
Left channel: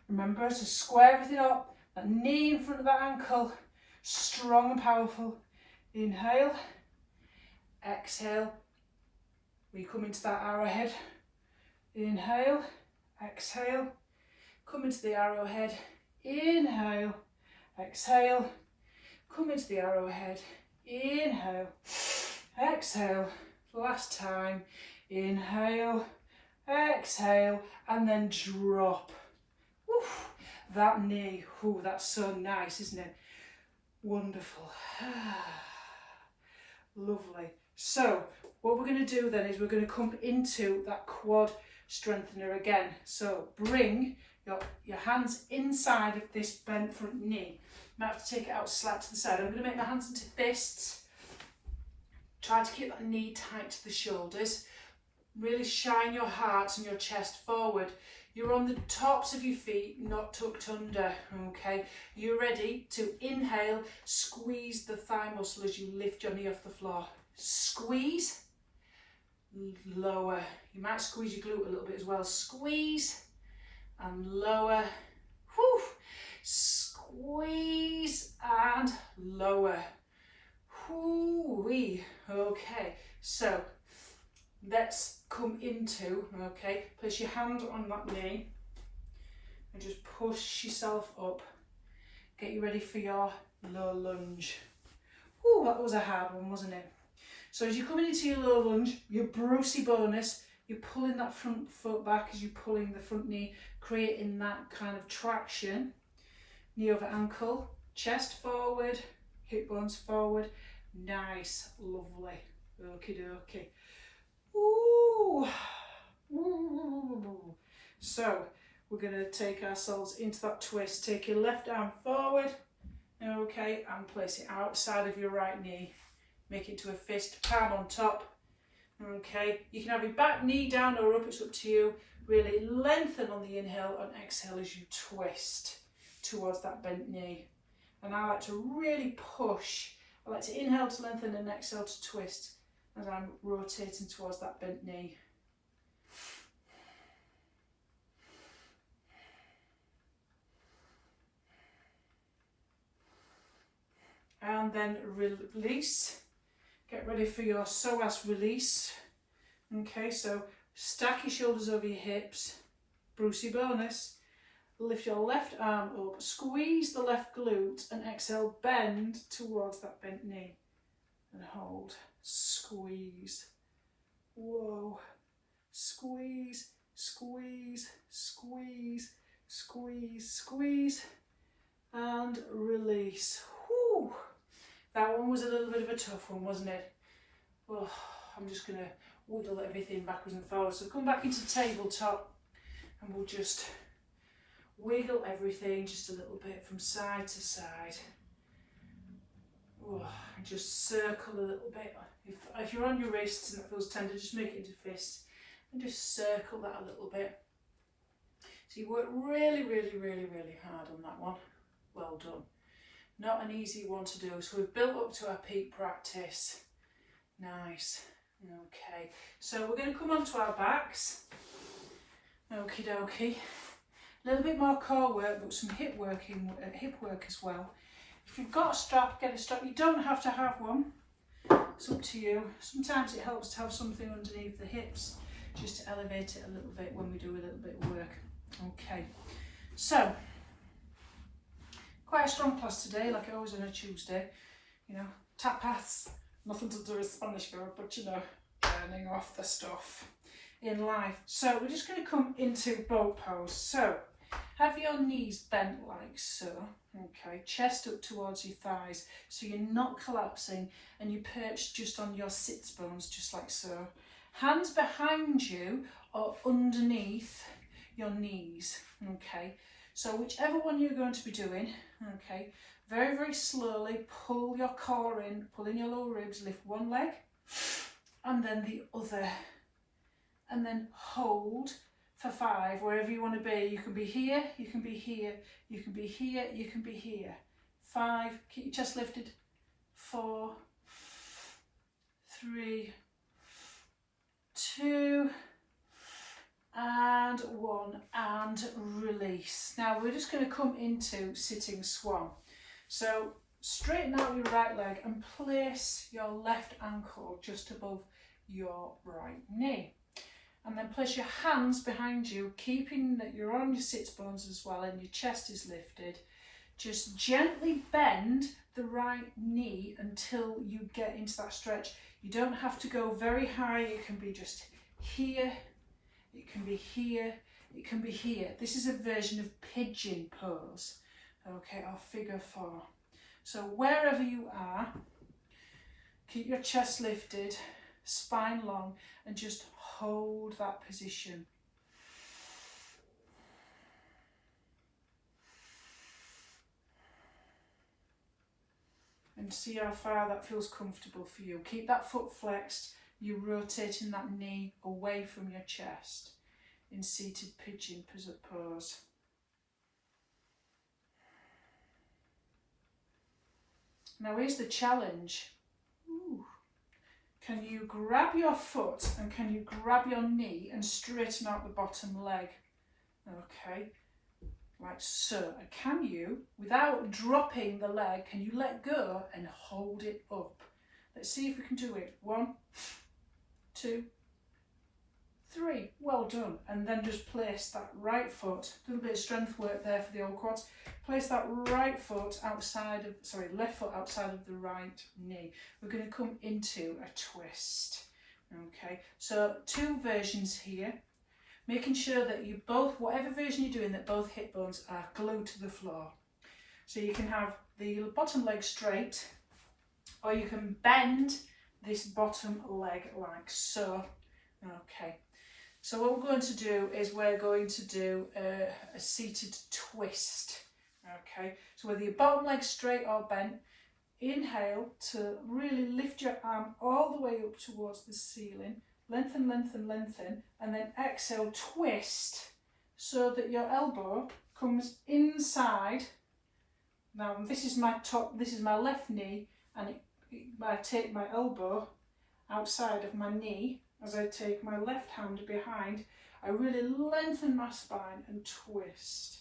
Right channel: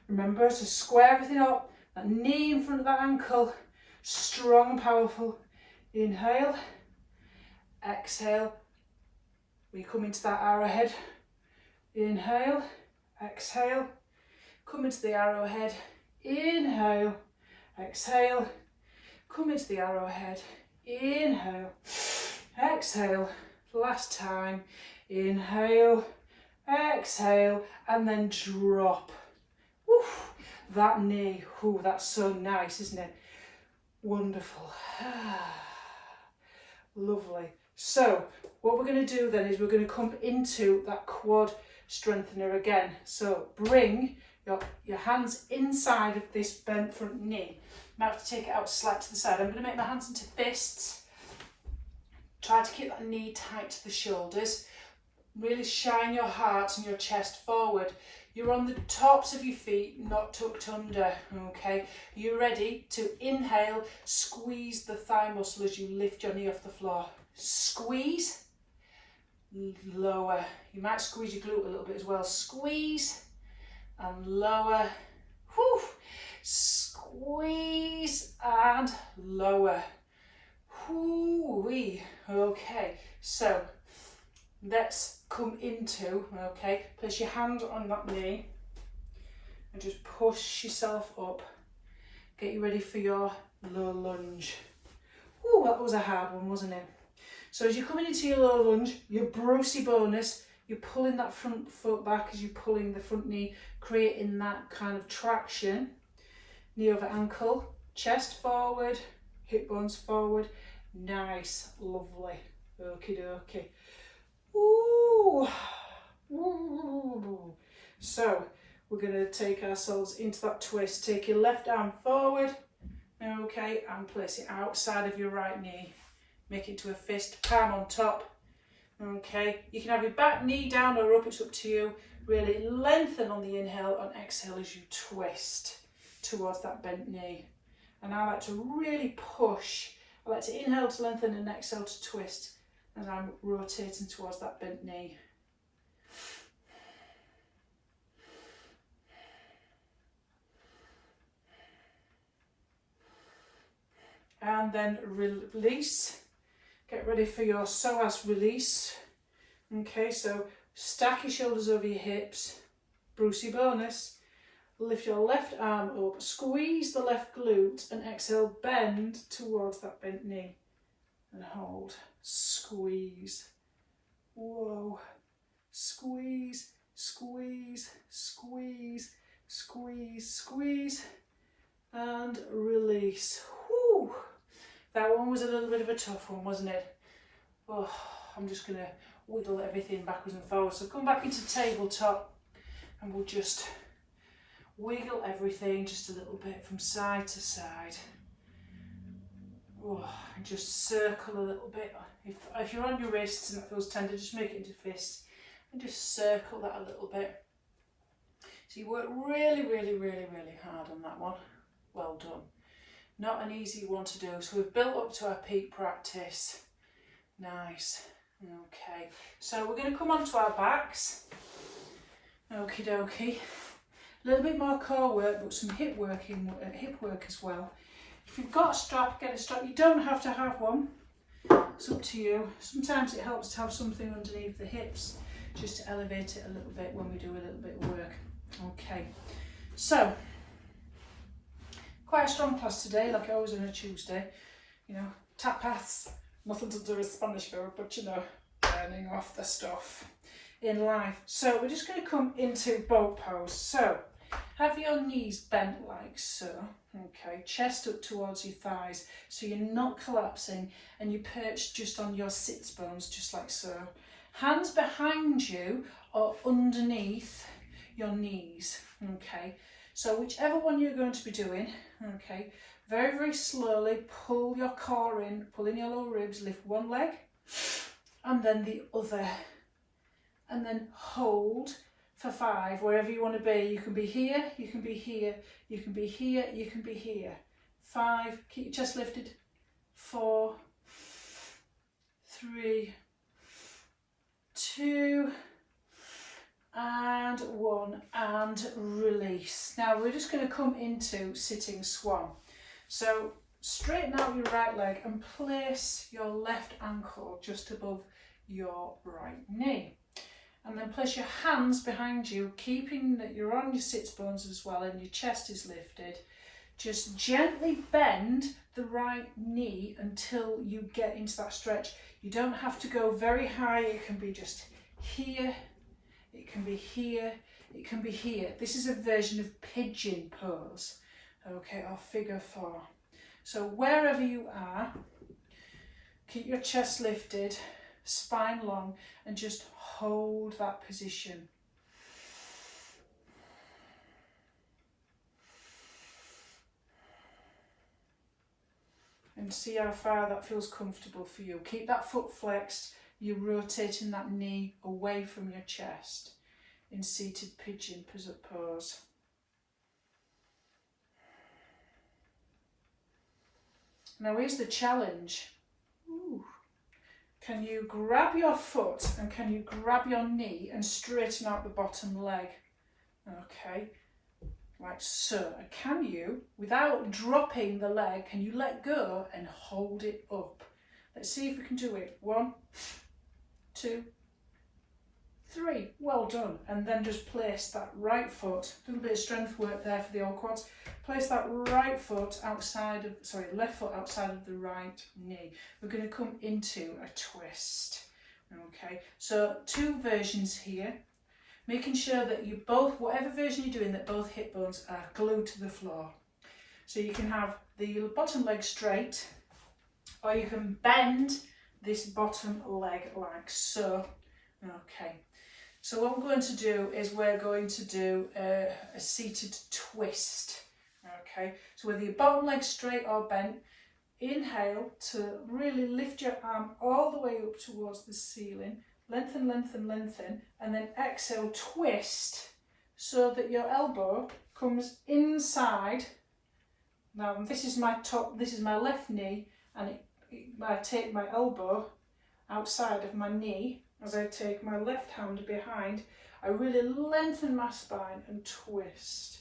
Remember to square everything up, that knee in front of that ankle, strong and powerful. Inhale, exhale. We come into that arrowhead. Inhale, exhale. Come into the arrowhead. Inhale, exhale. Come into the arrowhead. Inhale, exhale. Last time. Inhale, exhale, and then drop. Woo, that knee, ooh, that's so nice, isn't it? Wonderful. Lovely. So what we're going to do then is we're going to come into that quad strengthener again. So bring your hands inside of this bent front knee. Might have to take it out slightly to the side. I'm going to make my hands into fists. Try to keep that knee tight to the shoulders. Really shine your heart and your chest forward. You're on the tops of your feet, not tucked under, okay? You're ready to inhale, squeeze the thigh muscle as you lift your knee off the floor. Squeeze, lower. You might squeeze your glute a little bit as well. Squeeze and lower. Whew. Squeeze and lower. Whoo-wee. Okay, so let's come into, okay, place your hand on that knee and just push yourself up. Get you ready for your low lunge. Ooh, that was a hard one, wasn't it? So as you're coming into your low lunge, your Brucey bonus, you're pulling that front foot back as you're pulling the front knee, creating that kind of traction. Knee over ankle, chest forward, hip bones forward. Nice, lovely. Okie dokie. Ooh. Ooh. So we're going to take ourselves into that twist. Take your left arm forward, okay, and place it outside of your right knee. Make it to a fist, palm on top. Okay, you can have your back knee down or up, it's up to you. Really lengthen on the inhale and exhale as you twist towards that bent knee. And I like to really push. I like to inhale to lengthen and exhale to twist as I'm rotating towards that bent knee. And then release. Get ready for your psoas release. Okay, so stack your shoulders over your hips. Brucey bonus. Lift your left arm up, squeeze the left glute and exhale, bend towards that bent knee. And hold, squeeze. Whoa, squeeze, squeeze, squeeze, squeeze, squeeze. And release. Whew. That one was a little bit of a tough one, wasn't it? Oh, I'm just going to wiggle everything backwards and forwards. So come back into tabletop and we'll just wiggle everything just a little bit from side to side. Oh, and just circle a little bit. If you're on your wrists and it feels tender, just make it into fists and just circle that a little bit. So you work really, really, really, really hard on that one. Well done. Not an easy one to do. So we've built up to our peak practice. Nice. Okay. So we're going to come onto our backs. Okie dokie. A little bit more core work, but some hip work as well. If you've got a strap, get a strap. You don't have to have one. It's up to you. Sometimes it helps to have something underneath the hips just to elevate it a little bit when we do a little bit of work. Okay. So quite a strong class today, like I always on a Tuesday. You know, tapas, nothing to do with Spanish food, but you know, burning off the stuff in life. So we're just going to come into boat pose. So have your knees bent like so, okay, chest up towards your thighs, so you're not collapsing, and you perch just on your sits bones, just like so. Hands behind you or underneath your knees, okay. So whichever one you're going to be doing, okay, very, very slowly pull your core in, pull in your lower ribs, lift one leg and then the other, and then hold for 5, wherever you want to be. You can be here, you can be here, you can be here, you can be here. 5, keep your chest lifted. 4, 3, 2, and 1, and release. Now we're just going to come into sitting swan. So straighten out your right leg and place your left ankle just above your right knee. And then place your hands behind you, keeping that you're on your sits bones as well and your chest is lifted. Just gently bend the right knee until you get into that stretch. You don't have to go very high. It can be just here. It can be here. It can be here. This is a version of pigeon pose, okay, or figure 4. So wherever you are, keep your chest lifted, spine long, and just hold that position. And see how far that feels comfortable for you. Keep that foot flexed. You're rotating that knee away from your chest in seated pigeon pose. Now here's the challenge. Ooh. Can you grab your foot and can you grab your knee and straighten out the bottom leg? Okay, like so. And can you, without dropping the leg, can you let go and hold it up? Let's see if we can do it. 1, 2, 3, well done. And then just place that right foot, a little bit of strength work there for the old quads. Place that right foot outside of, sorry, left foot outside of the right knee. We're going to come into a twist. Okay, so 2 versions here. Making sure that you both, whatever version you're doing, that both hip bones are glued to the floor. So you can have the bottom leg straight, or you can bend this bottom leg like so. Okay, so what we're going to do is we're going to do a seated twist. Okay, so whether your bottom leg straight or bent, inhale to really lift your arm all the way up towards the ceiling, lengthen, lengthen, lengthen, and then exhale, twist so that your elbow comes inside. Now this is my top, this is my left knee, and I take my elbow outside of my knee as I take my left hand behind. I really lengthen my spine and twist.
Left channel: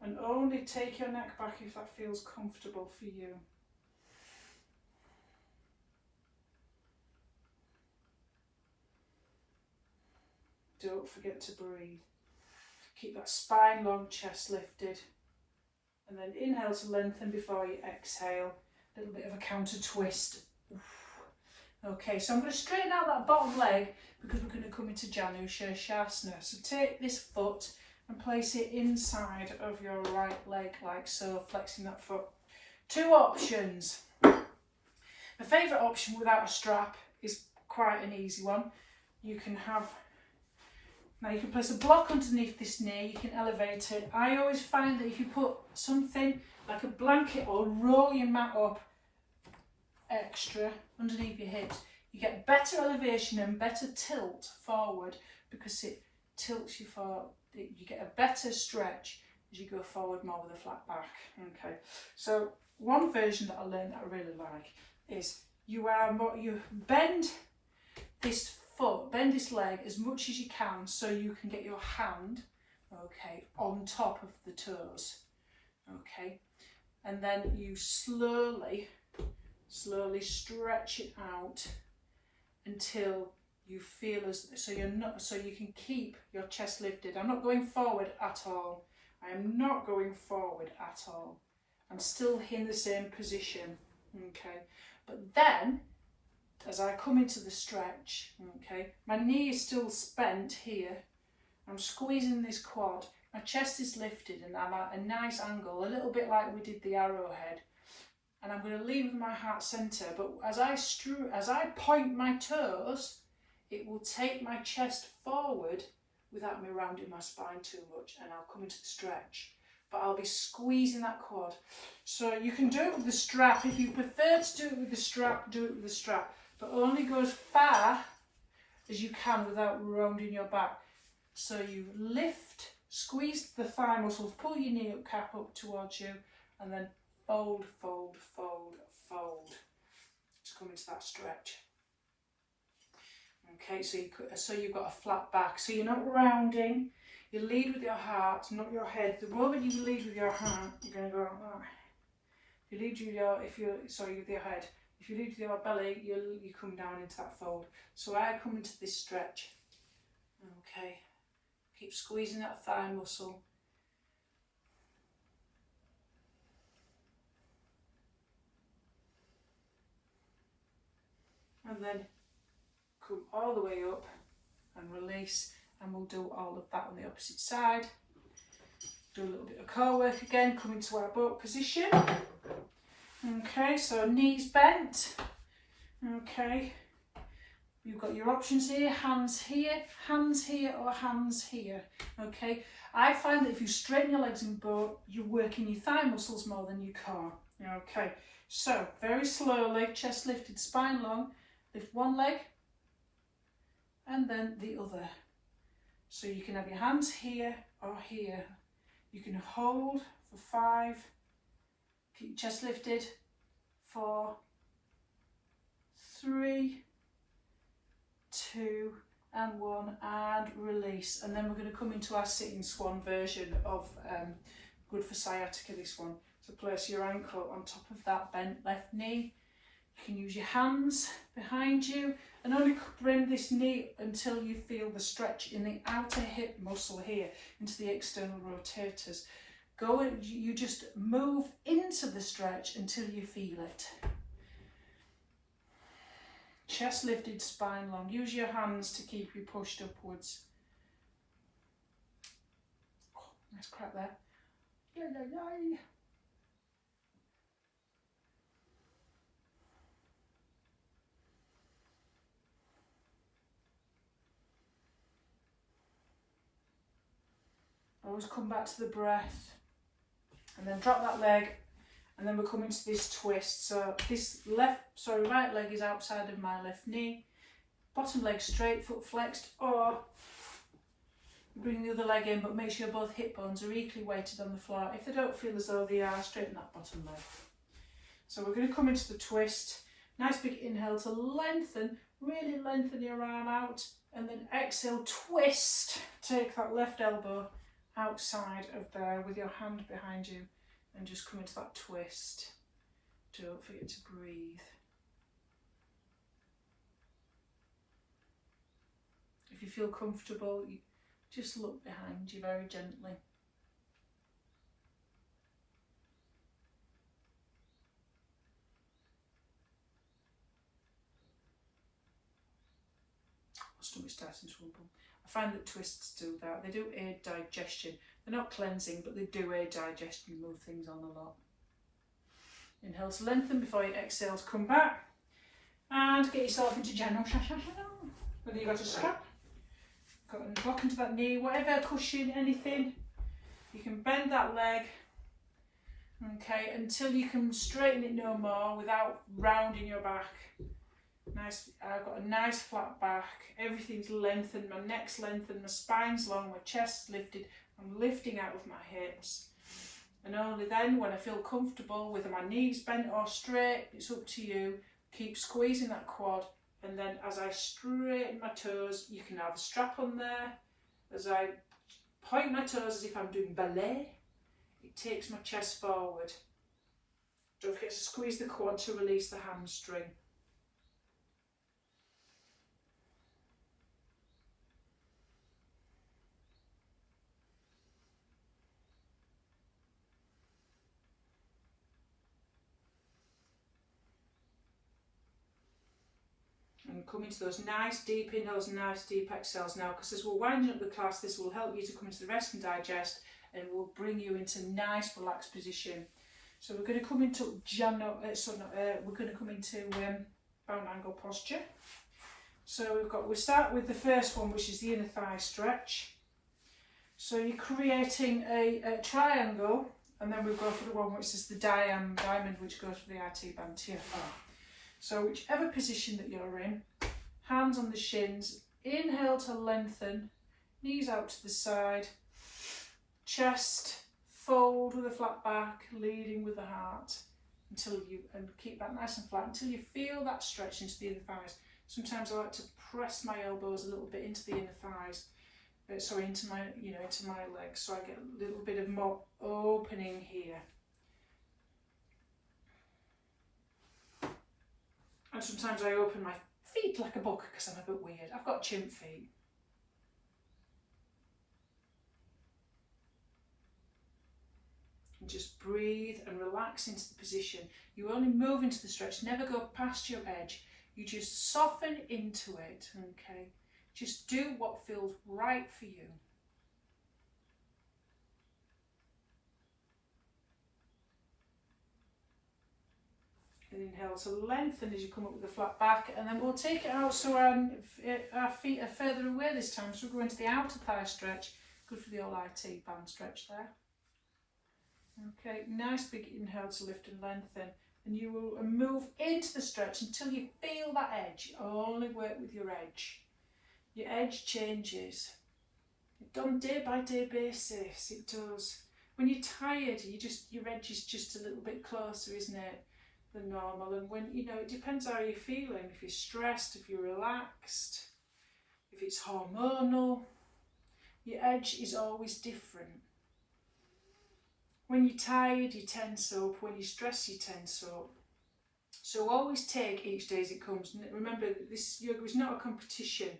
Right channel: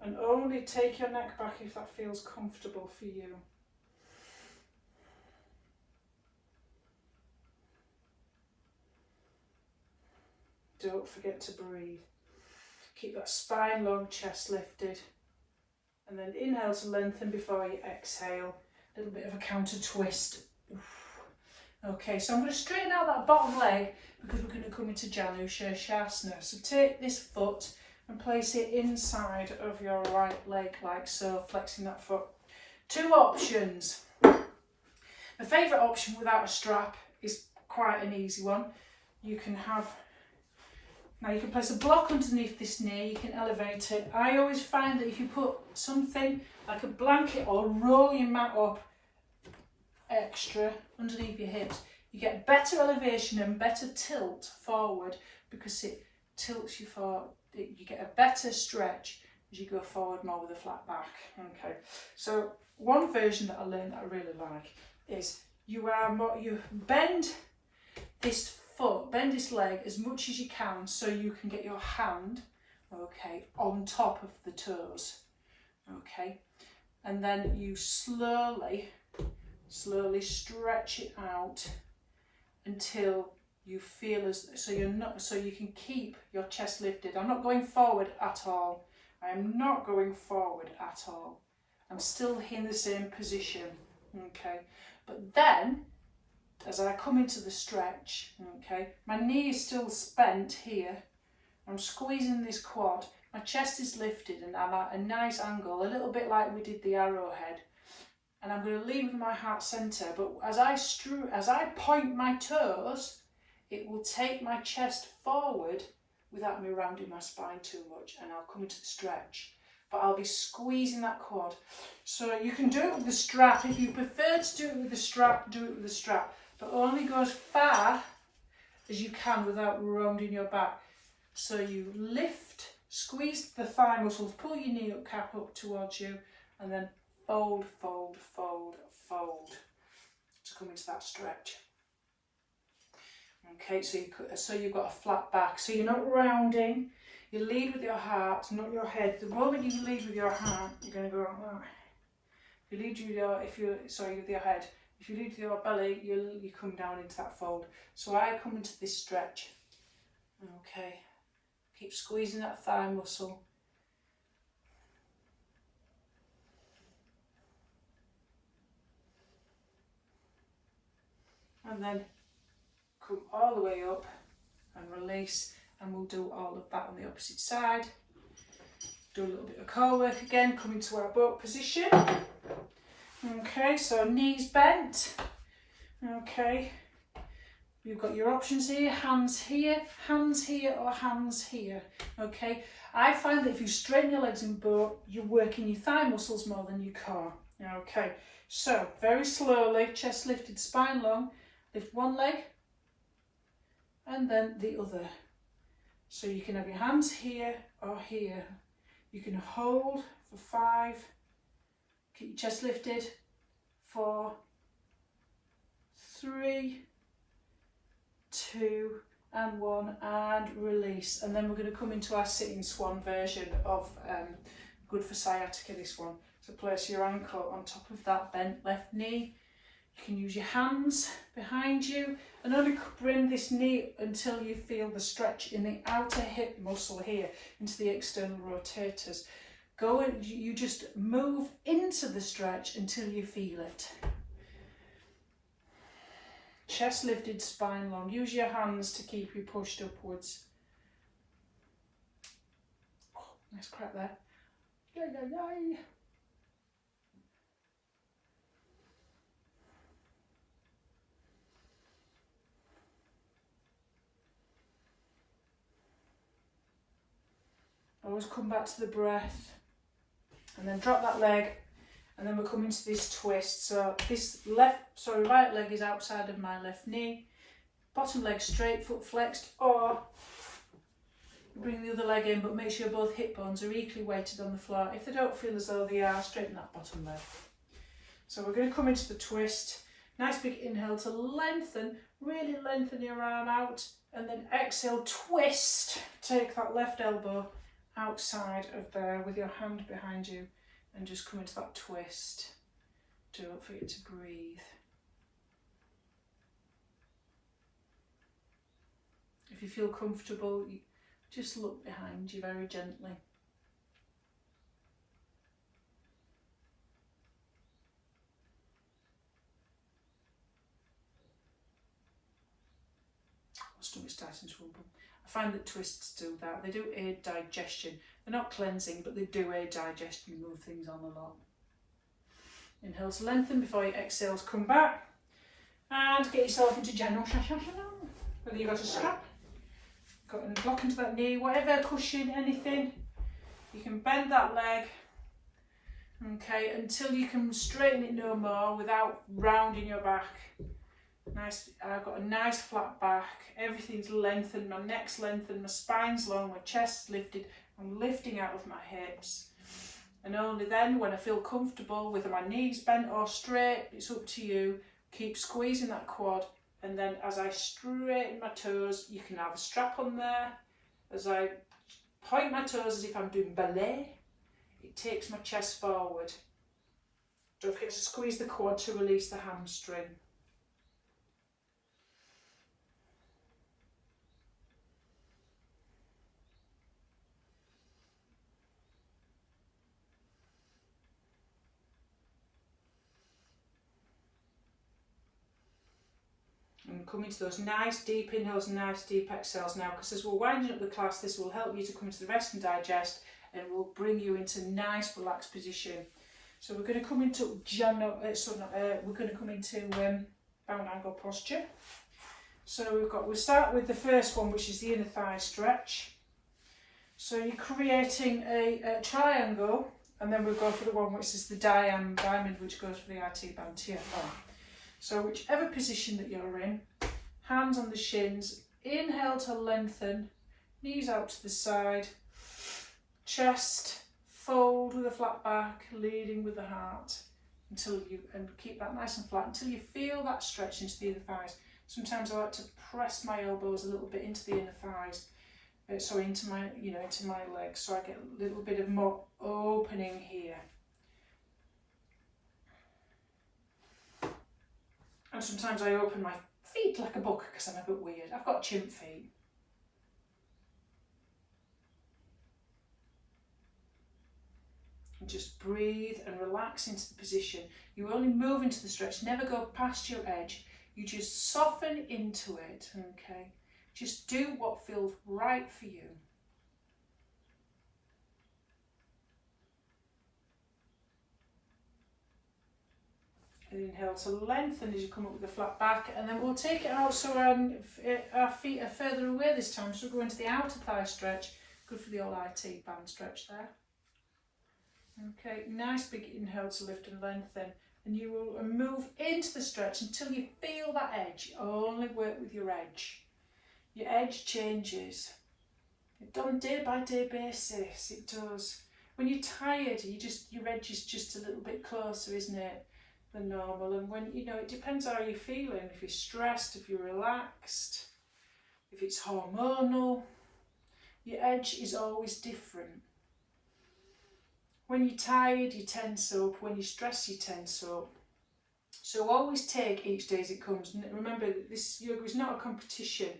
And only take your neck back if that feels comfortable for you. Don't forget to breathe. Keep that spine long, chest lifted. And then inhale to lengthen before you exhale. A little bit of a counter twist. Oof. Okay, so I'm going to straighten out that bottom leg because we're going to come into Janu Shirshasana. So take this foot and place it inside of your right leg like so, flexing that foot. 2 options. My favourite option without a strap is quite an easy one. You can have, now you can place a block underneath this knee, you can elevate it. I always find that if you put something like a blanket or roll your mat up extra underneath your hips, you get better elevation and better tilt forward because it tilts you forward. You get a better stretch as you go forward more with a flat back. Okay, so one version that I learned that I really like is you bend this foot, bend this leg as much as you can so you can get your hand, okay, on top of the toes. Okay, and then you slowly stretch it out until you feel as so you can keep your chest lifted. I'm not going forward at all. I am not going forward at all. I'm still in the same position. Okay, but then as I come into the stretch, okay, my knee is still spent here. I'm squeezing this quad. My chest is lifted and I'm at a nice angle, a little bit like we did the arrowhead. And I'm going to lead with my heart centre. But as I point my toes, it will take my chest forward without me rounding my spine too much, and I'll come into the stretch. But I'll be squeezing that quad. So you can do it with the strap. If you prefer to do it with the strap, do it with the strap. But only go as far as you can without rounding your back. So you lift, squeeze the thigh muscles, pull your knee up, cap up towards you, and then fold, fold, fold, fold to come into that stretch. Okay, so you've got a flat back. So you're not rounding. You lead with your heart, not your head. The moment you lead with your heart, you're going to go like that. If you lead with your head. If you lead with your belly, you come down into that fold. So I come into this stretch. Okay, keep squeezing that thigh muscle. And then come all the way up and release, and we'll do all of that on the opposite side. Do a little bit of core work again, come into our boat position. Okay, so knees bent. Okay, you've got your options here, hands here, or hands here. Okay, I find that if you straighten your legs in boat, you're working your thigh muscles more than your core. Okay, so very slowly, chest lifted, spine long, lift one leg and then the other. So you can have your hands here or here. You can hold for 5, keep your chest lifted, 4, 3, 2 and 1, and release. And then we're going to come into our sitting swan version of good for sciatica, this one. So place your ankle on top of that bent left knee, You can use your hands behind you and only bring this knee until you feel the stretch in the outer hip muscle here into the external rotators. Go and you just move into the stretch until you feel it. Chest lifted, spine long. Use your hands to keep you pushed upwards. Oh, nice crack there. Yay, yay, yay. Always come back to the breath and then drop that leg, and then we're coming to this twist. So this right leg is outside of my left knee, bottom leg straight, foot flexed, or bring the other leg in, but make sure both hip bones are equally weighted on the floor. If they don't feel as though they are, straighten that bottom leg. So we're going to come into the twist. Nice big inhale to lengthen, really lengthen your arm out, and then exhale, twist. Take that left elbow outside of there with your hand behind you and just come into that twist. Don't forget to breathe. If you feel comfortable, you just look behind you very gently. My stomach's starting to rumble. I find that twists do that. They do aid digestion. They're not cleansing, but they do aid digestion, move things on a lot. Inhale to lengthen before you exhale to come back. And get yourself into general whether you've got a strap, got a block into that knee, whatever, cushion, anything. You can bend that leg, okay, until you can straighten it no more without rounding your back. Nice. I've got a nice flat back, everything's lengthened, my neck's lengthened, my spine's long, my chest's lifted, I'm lifting out of my hips. And only then, when I feel comfortable, whether my knees bent or straight, it's up to you, keep squeezing that quad, and then as I straighten my toes, you can have a strap on there. As I point my toes as if I'm doing ballet, it takes my chest forward. Don't forget to squeeze the quad to release the hamstring. And come into those nice deep inhales and nice deep exhales now, because as we're winding up the class, this will help you to come into the rest and digest, and will bring you into nice relaxed position. So we're going to come into bound angle posture. So we'll start with the first one, which is the inner thigh stretch. So you're creating a triangle, and then we'll go for the one which is the diamond, which goes for the IT band TFR. So whichever position that you're in, hands on the shins, inhale to lengthen, knees out to the side, chest fold with a flat back, leading with the heart, and keep that nice and flat until you feel that stretch into the inner thighs. Sometimes I like to press my elbows a little bit into the inner thighs, into my legs, so I get a little bit of more opening here. And sometimes I open my feet like a book because I'm a bit weird. I've got chimp feet. And just breathe and relax into the position. You only move into the stretch, never go past your edge. You just soften into it, okay? Just do what feels right for you. Inhale to lengthen as you come up with the flat back, and then we'll take it out so our feet are further away this time. So we'll go into the outer thigh stretch, good for the old IT band stretch there. Okay, nice big inhale to lift and lengthen, and you will move into the stretch until you feel that edge. Only work with your edge. Your edge changes. It's done day by day basis, it does. When you're tired, your edge is just a little bit closer, isn't it, than normal. And when, it depends how you're feeling. If you're stressed, if you're relaxed, if it's hormonal, your edge is always different. When you're tired, you tense up. When you're stressed, you tense up. So always take each day as it comes. And remember, this yoga is not a competition,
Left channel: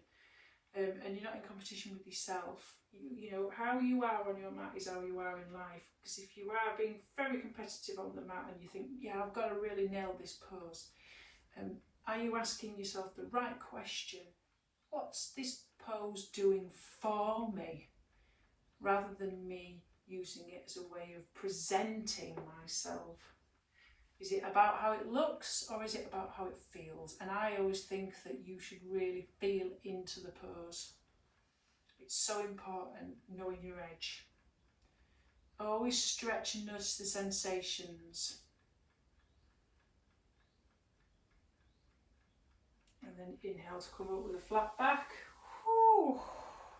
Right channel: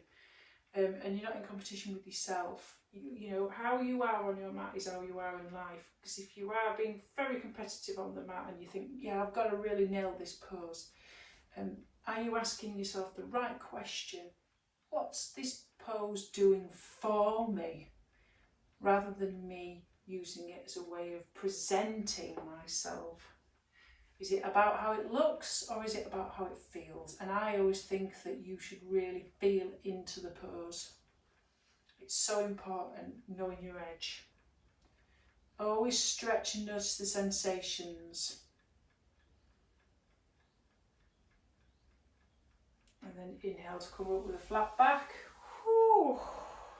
and you're not in competition with yourself. You know, how you are on your mat is how you are in life. Because if you are being very competitive on the mat and you think, yeah, I've got to really nail this pose, are you asking yourself the right question? What's this pose doing for me? Rather than me using it as a way of presenting myself. Is it about how it looks or is it about how it feels? And I always think that you should really feel into the pose. It's so important, knowing your edge. Always stretch and notice the sensations. And then inhale to come up with a flat back. Whew,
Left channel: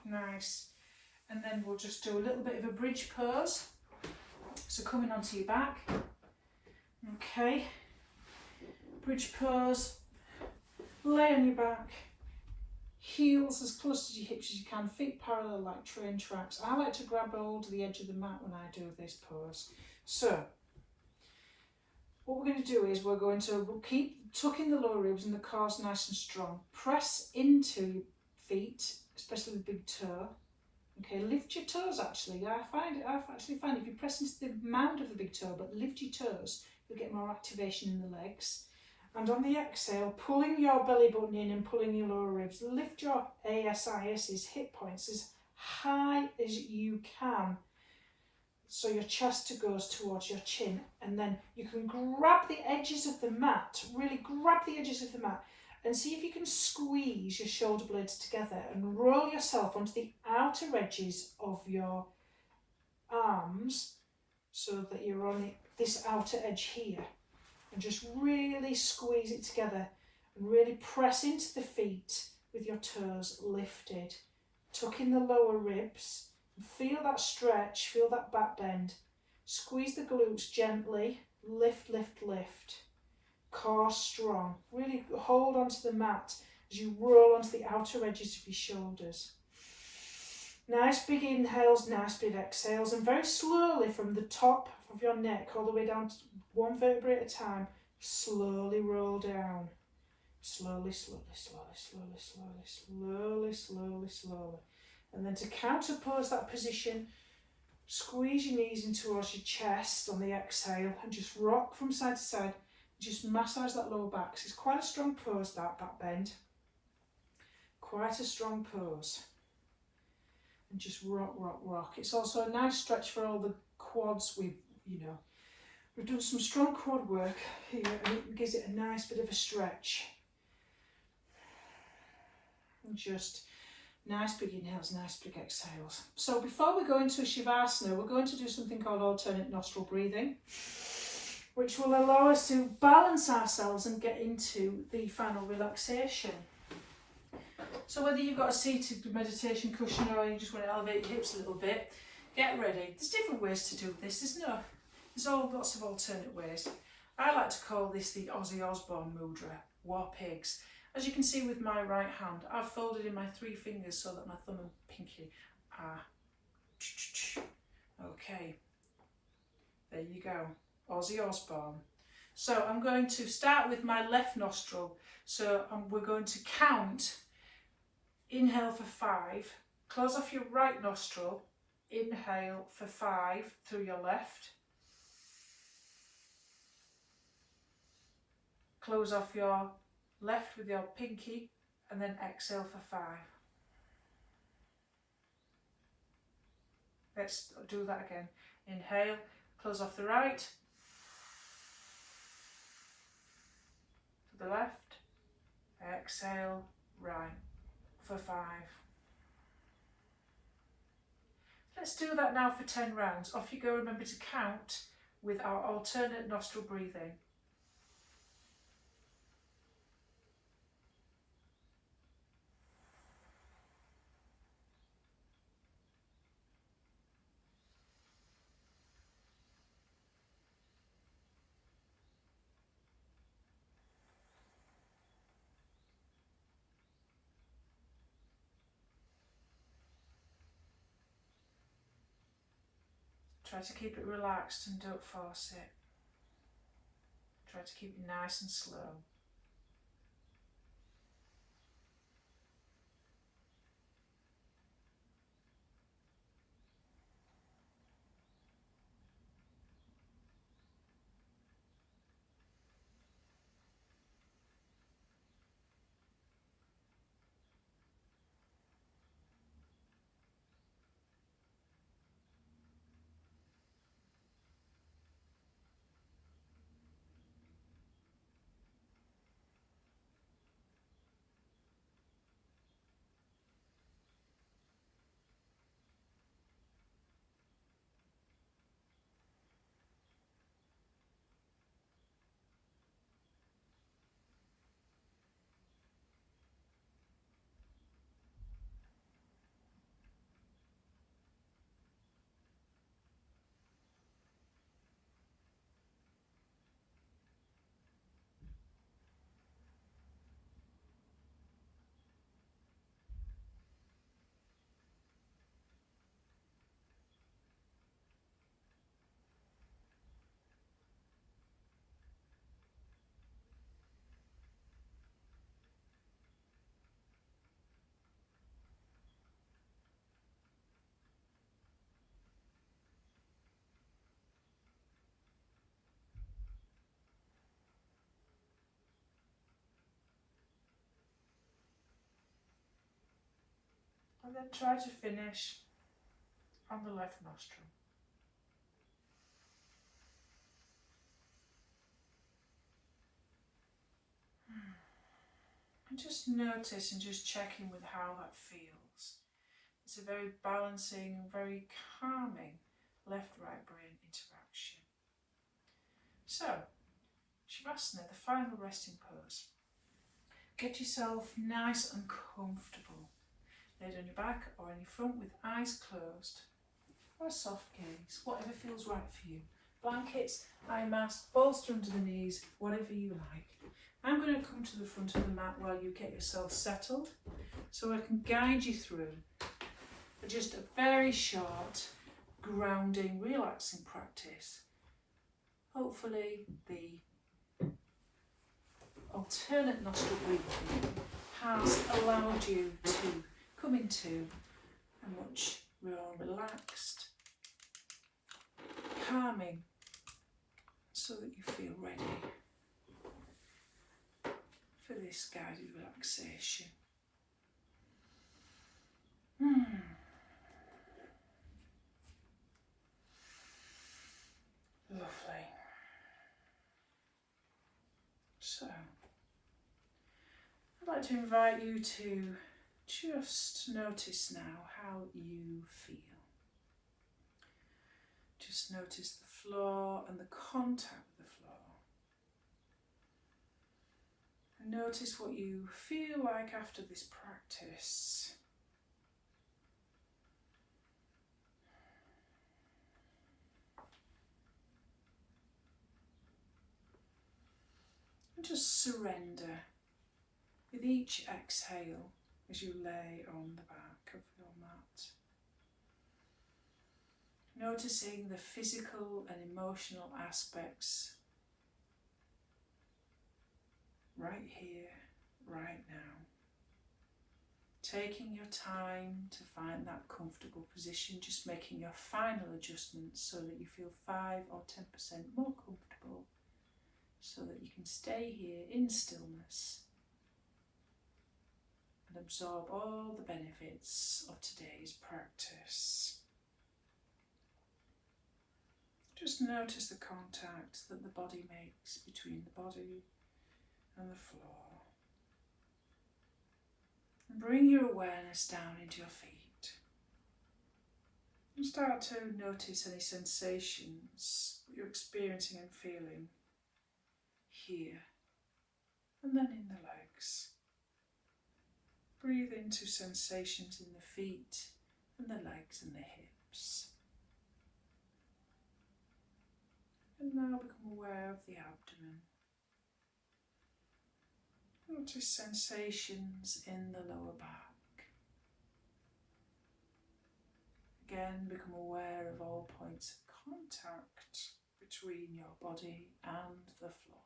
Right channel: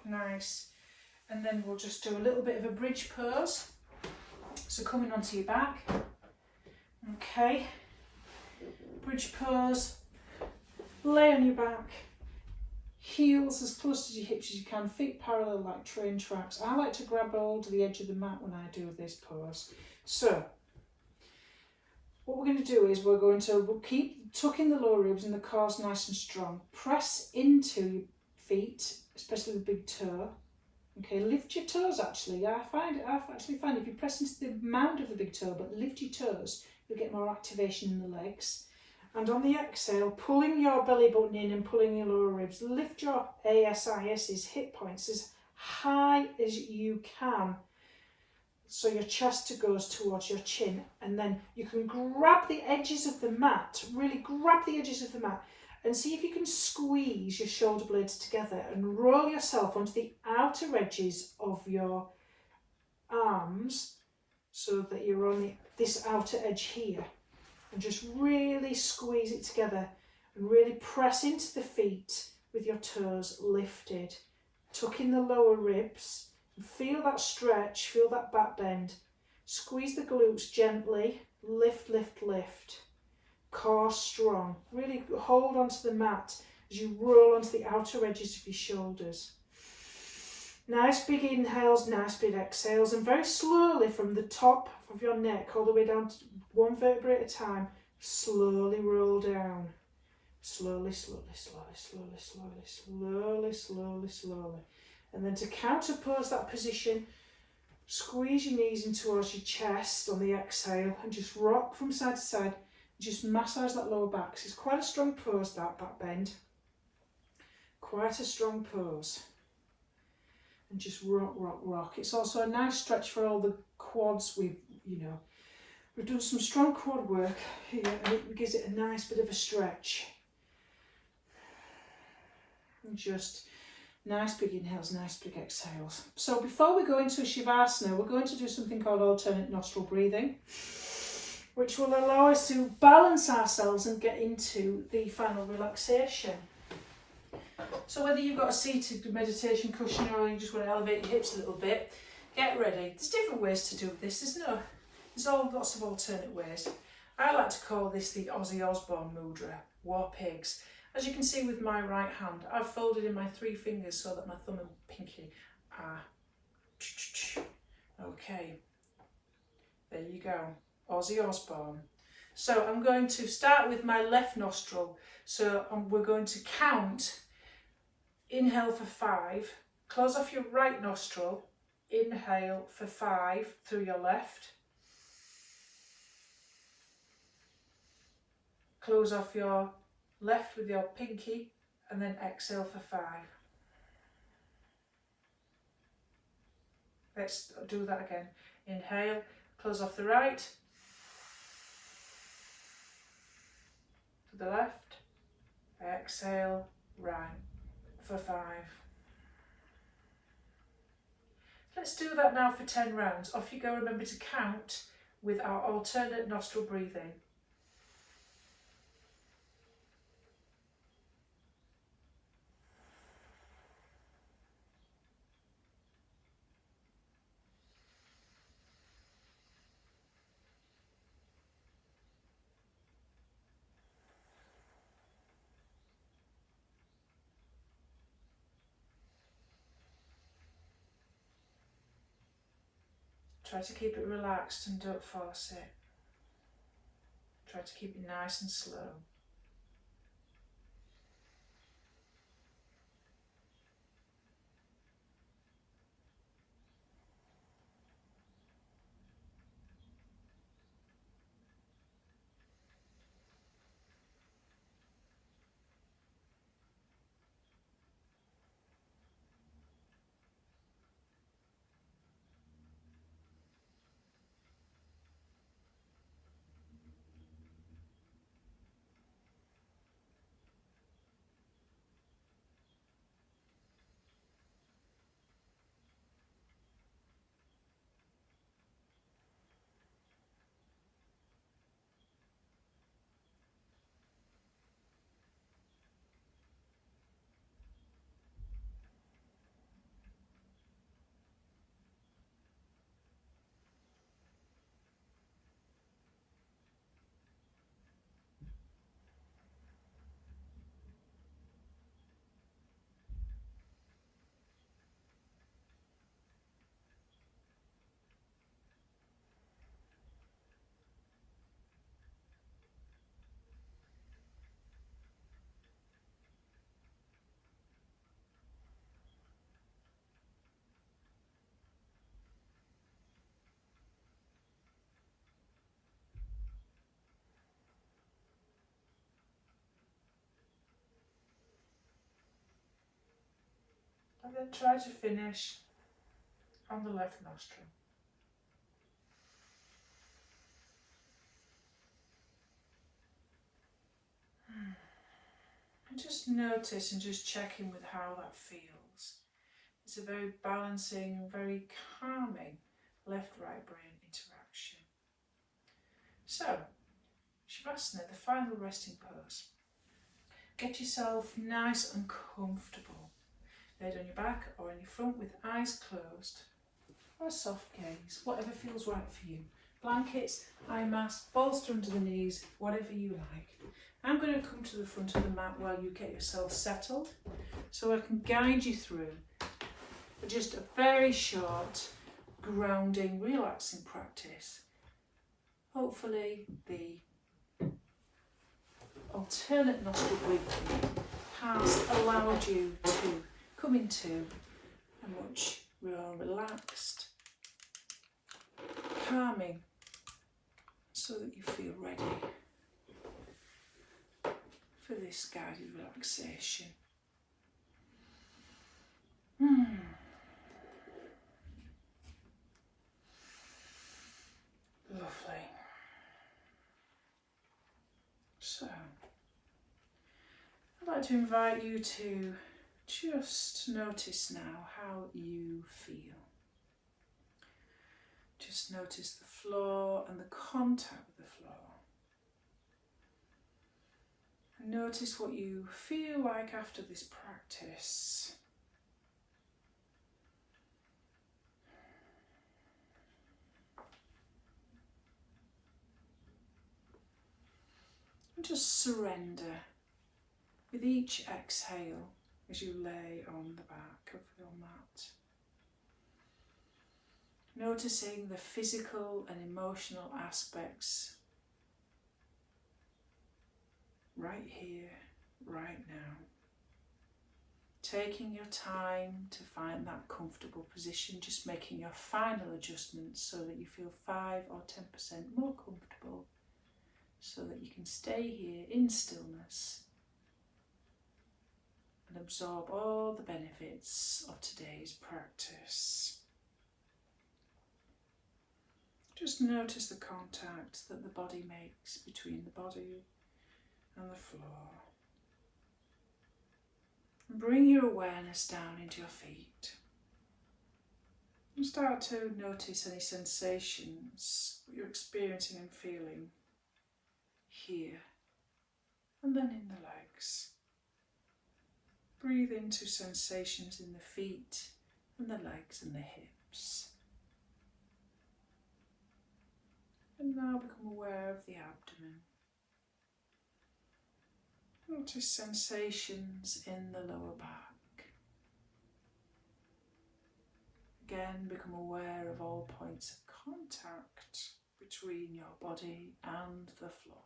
nice. And then we'll just do a little bit of a bridge pose. So coming onto your back. Okay. Bridge pose. Lay on your back. Heels as close to your hips as you can. Feet parallel like train tracks. I like to grab hold of the edge of the mat when I do this pose. So what we're going to do is we'll keep tucking the lower ribs and the calves nice and strong. Press into your feet, especially the big toe. Okay, lift your toes actually. I actually find if you press into the mound of the big toe but lift your toes, you'll get more activation in the legs. And on the exhale, pulling your belly button in and pulling your lower ribs. Lift your ASIS's hip points as high as you can. So your chest goes towards your chin. And then you can grab the edges of the mat, really grab the edges of the mat. And see if you can squeeze your shoulder blades together and roll yourself onto the outer edges of your arms so that you're on this outer edge here. And just really squeeze it together and really press into the feet with your toes lifted. Tuck in the lower ribs and feel that stretch, feel that back bend. Squeeze the glutes gently, lift, lift, lift. Core strong. Really hold onto the mat as you roll onto the outer edges of your shoulders. Nice big inhales, nice big exhales, and very slowly from the top of your neck all the way down to one vertebrae at a time, slowly roll down. Slowly, slowly, slowly, slowly, slowly, slowly, slowly, slowly. And then to counterpose that position, squeeze your knees in towards your chest on the exhale and just rock from side to side. Just massage that lower back. So it's quite a strong pose, that back bend. Quite a strong pose. And just rock, rock, rock. It's also a nice stretch for all the quads. We've done some strong quad work here and it gives it a nice bit of a stretch. And just nice big inhales, nice big exhales. So before we go into Shavasana, we're going to do something called alternate nostril breathing, which will allow us to balance ourselves and get into the final relaxation. So whether you've got a seated meditation cushion or you just want to elevate your hips a little bit, get ready. There's different ways to do this, isn't there? There's lots of alternate ways. I like to call this the Ozzy Osbourne mudra, war pigs. As you can see with my right hand, I've folded in my 3 fingers so that my thumb and pinky are... Okay, there you go. Ozzy Osbourne. So I'm going to start with my left nostril. So we're going to count. Inhale for 5. Close off your right nostril. Inhale for 5 through your left. Close off your left with your pinky and then exhale for 5. Let's do that again. Inhale, close off the right. To the left. Exhale, right for 5. Let's do that now for 10 rounds. Off you go. Remember to count with our alternate nostril breathing. Try to keep it relaxed and don't force it. Try to keep it nice and slow. And then try to finish on the left nostril. And just notice and just check in with how that feels. It's a very balancing, very calming left-right brain interaction. So, Shavasana, the final resting pose. Get yourself nice and comfortable. Laid on your back or on your front with eyes closed, or a soft gaze, whatever feels right for you. Blankets, eye mask, bolster under the knees, whatever you like. I'm going to come to the front of the mat while you get yourself settled, so I can guide you through just a very short, grounding, relaxing practice. Hopefully the alternate nostril breathing has allowed you to come into a much more relaxed, calming, so that you feel ready for this guided relaxation. Lovely. So, I'd like to invite you to just notice now how you feel. Just notice the floor and the contact with the floor. And notice what you feel like after this practice. And just surrender with each exhale as you lay on the back of your mat. Noticing the physical and emotional aspects right here, right now. Taking your time to find that comfortable position, just making your final adjustments so that you feel 5 or 10% more comfortable, so that you can stay here in stillness and absorb all the benefits of today's practice. Just notice the contact that the body makes between the body and the floor. And bring your awareness down into your feet. And start to notice any sensations that you're experiencing and feeling here and then in the legs. Breathe into sensations in the feet and the legs and the hips. And now become aware of the abdomen. Notice sensations in the lower back. Again, become aware of all points of contact between your body and the floor.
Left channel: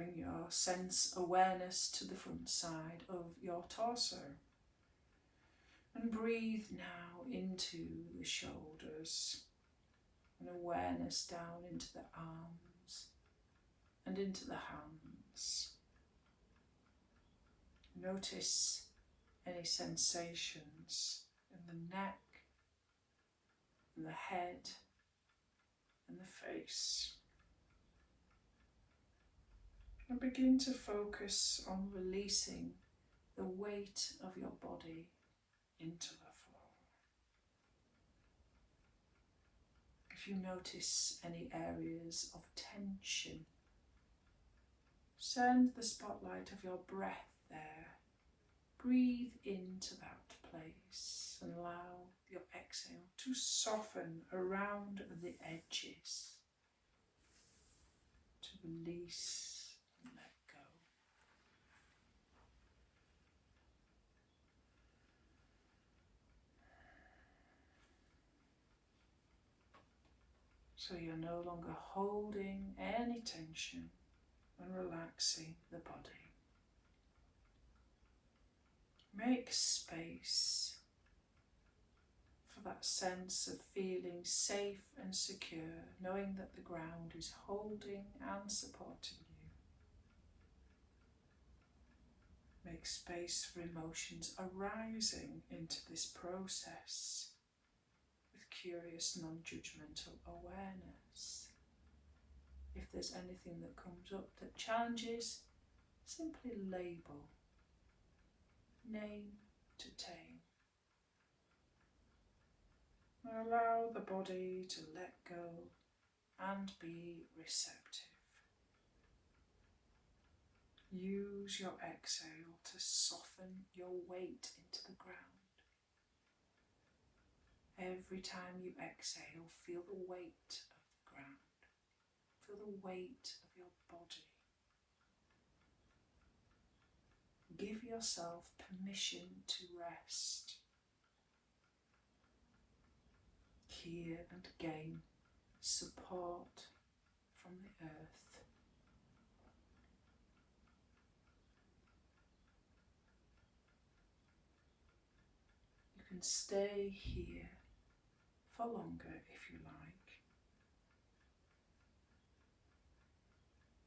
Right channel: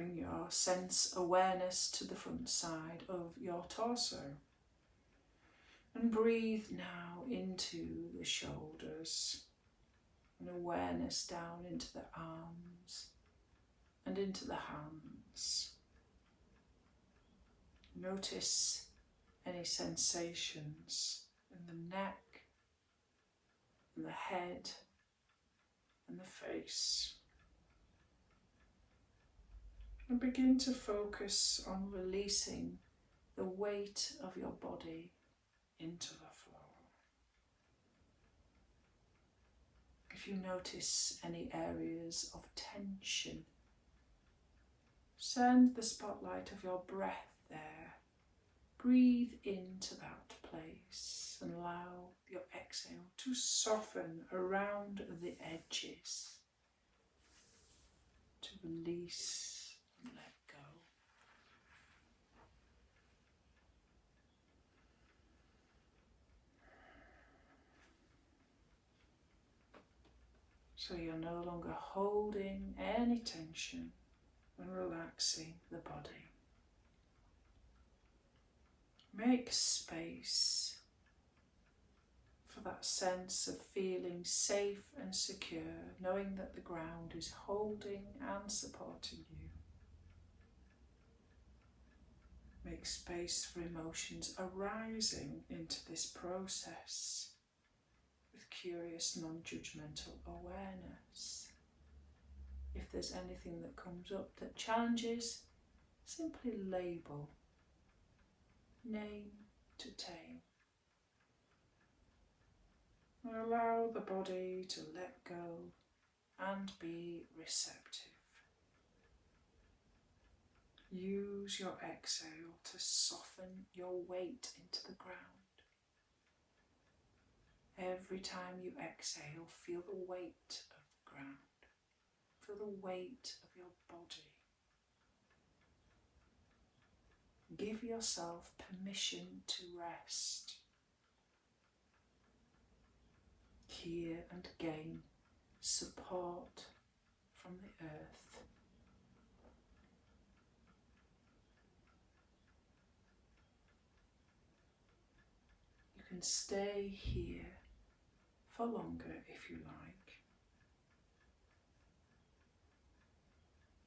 Bring your sense awareness to the front side of your torso. And breathe now into the shoulders. And awareness down into the arms and into the hands. Notice any sensations in the neck, and the head, and the face. And begin to focus on releasing the weight of your body into the floor. If you notice any areas of tension, send the spotlight of your breath there. Breathe into that place and allow your exhale to soften around the edges, to release and let go. So you're no longer holding any tension and relaxing the body. Make space for that sense of feeling safe and secure, knowing that the ground is holding and supporting you. Make space for emotions arising into this process with curious, non-judgmental awareness. If there's anything that comes up that challenges, simply label. Name to tame. And allow the body to let go and be receptive. Use your exhale to soften your weight into the ground. Every time you exhale, feel the weight of the ground. Feel the weight of your body. Give yourself permission to rest. Hear and gain support from the earth. You can stay here for longer if you like.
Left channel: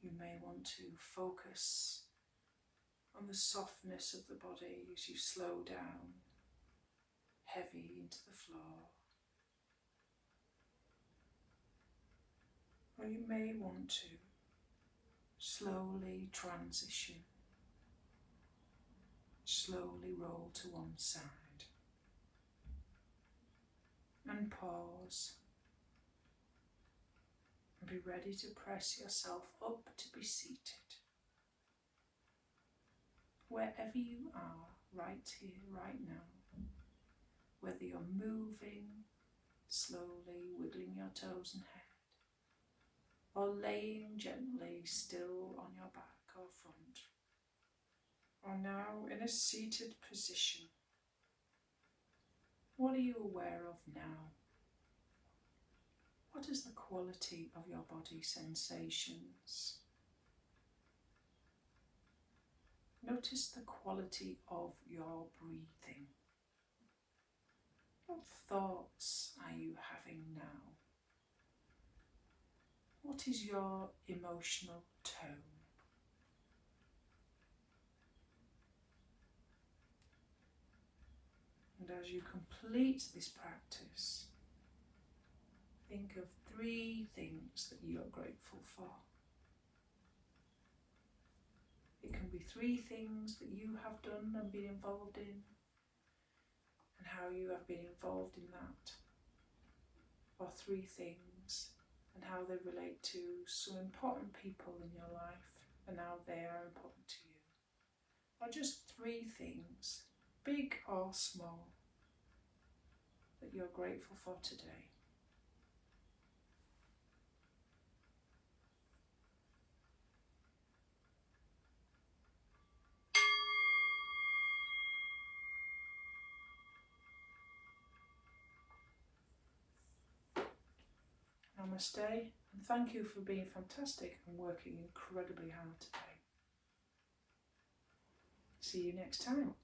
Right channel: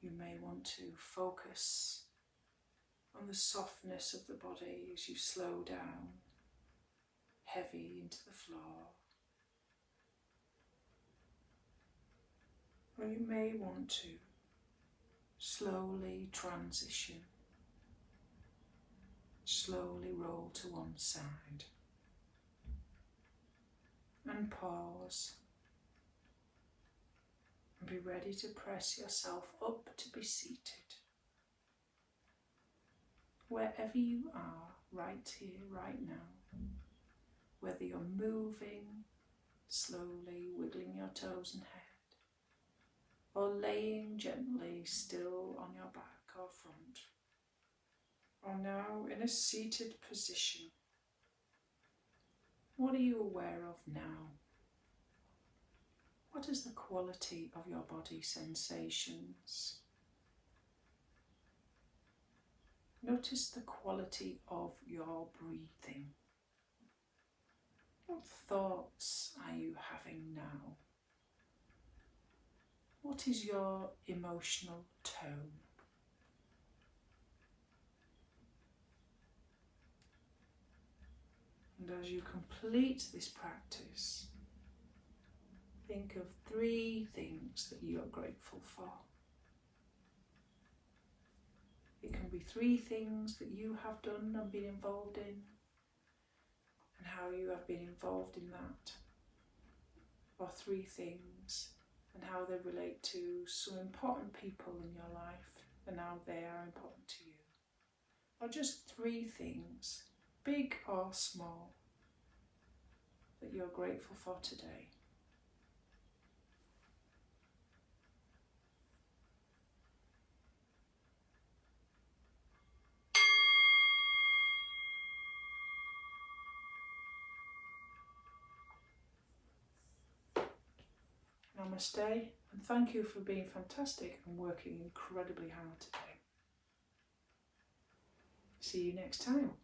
You may want to focus on the softness of the body as you slow down, heavy into the floor. Or you may want to slowly transition, slowly roll to one side, and pause, and be ready to press yourself up to be seated. Wherever you are, right here, right now, whether you're moving, slowly wiggling your toes and head, or laying gently still on your back or front, or now in a seated position. What are you aware of now? What is the quality of your body sensations? Notice the quality of your breathing. What thoughts are you having now? What is your emotional tone? And as you complete this practice, think of 3 things that you are grateful for. It can be 3 things that you have done and been involved in, and how you have been involved in that. Or 3 things and how they relate to some important people in your life and how they are important to you. Or just 3 things, big or small, that you're grateful for today. Namaste And thank you for being fantastic and working incredibly hard today. See you next time.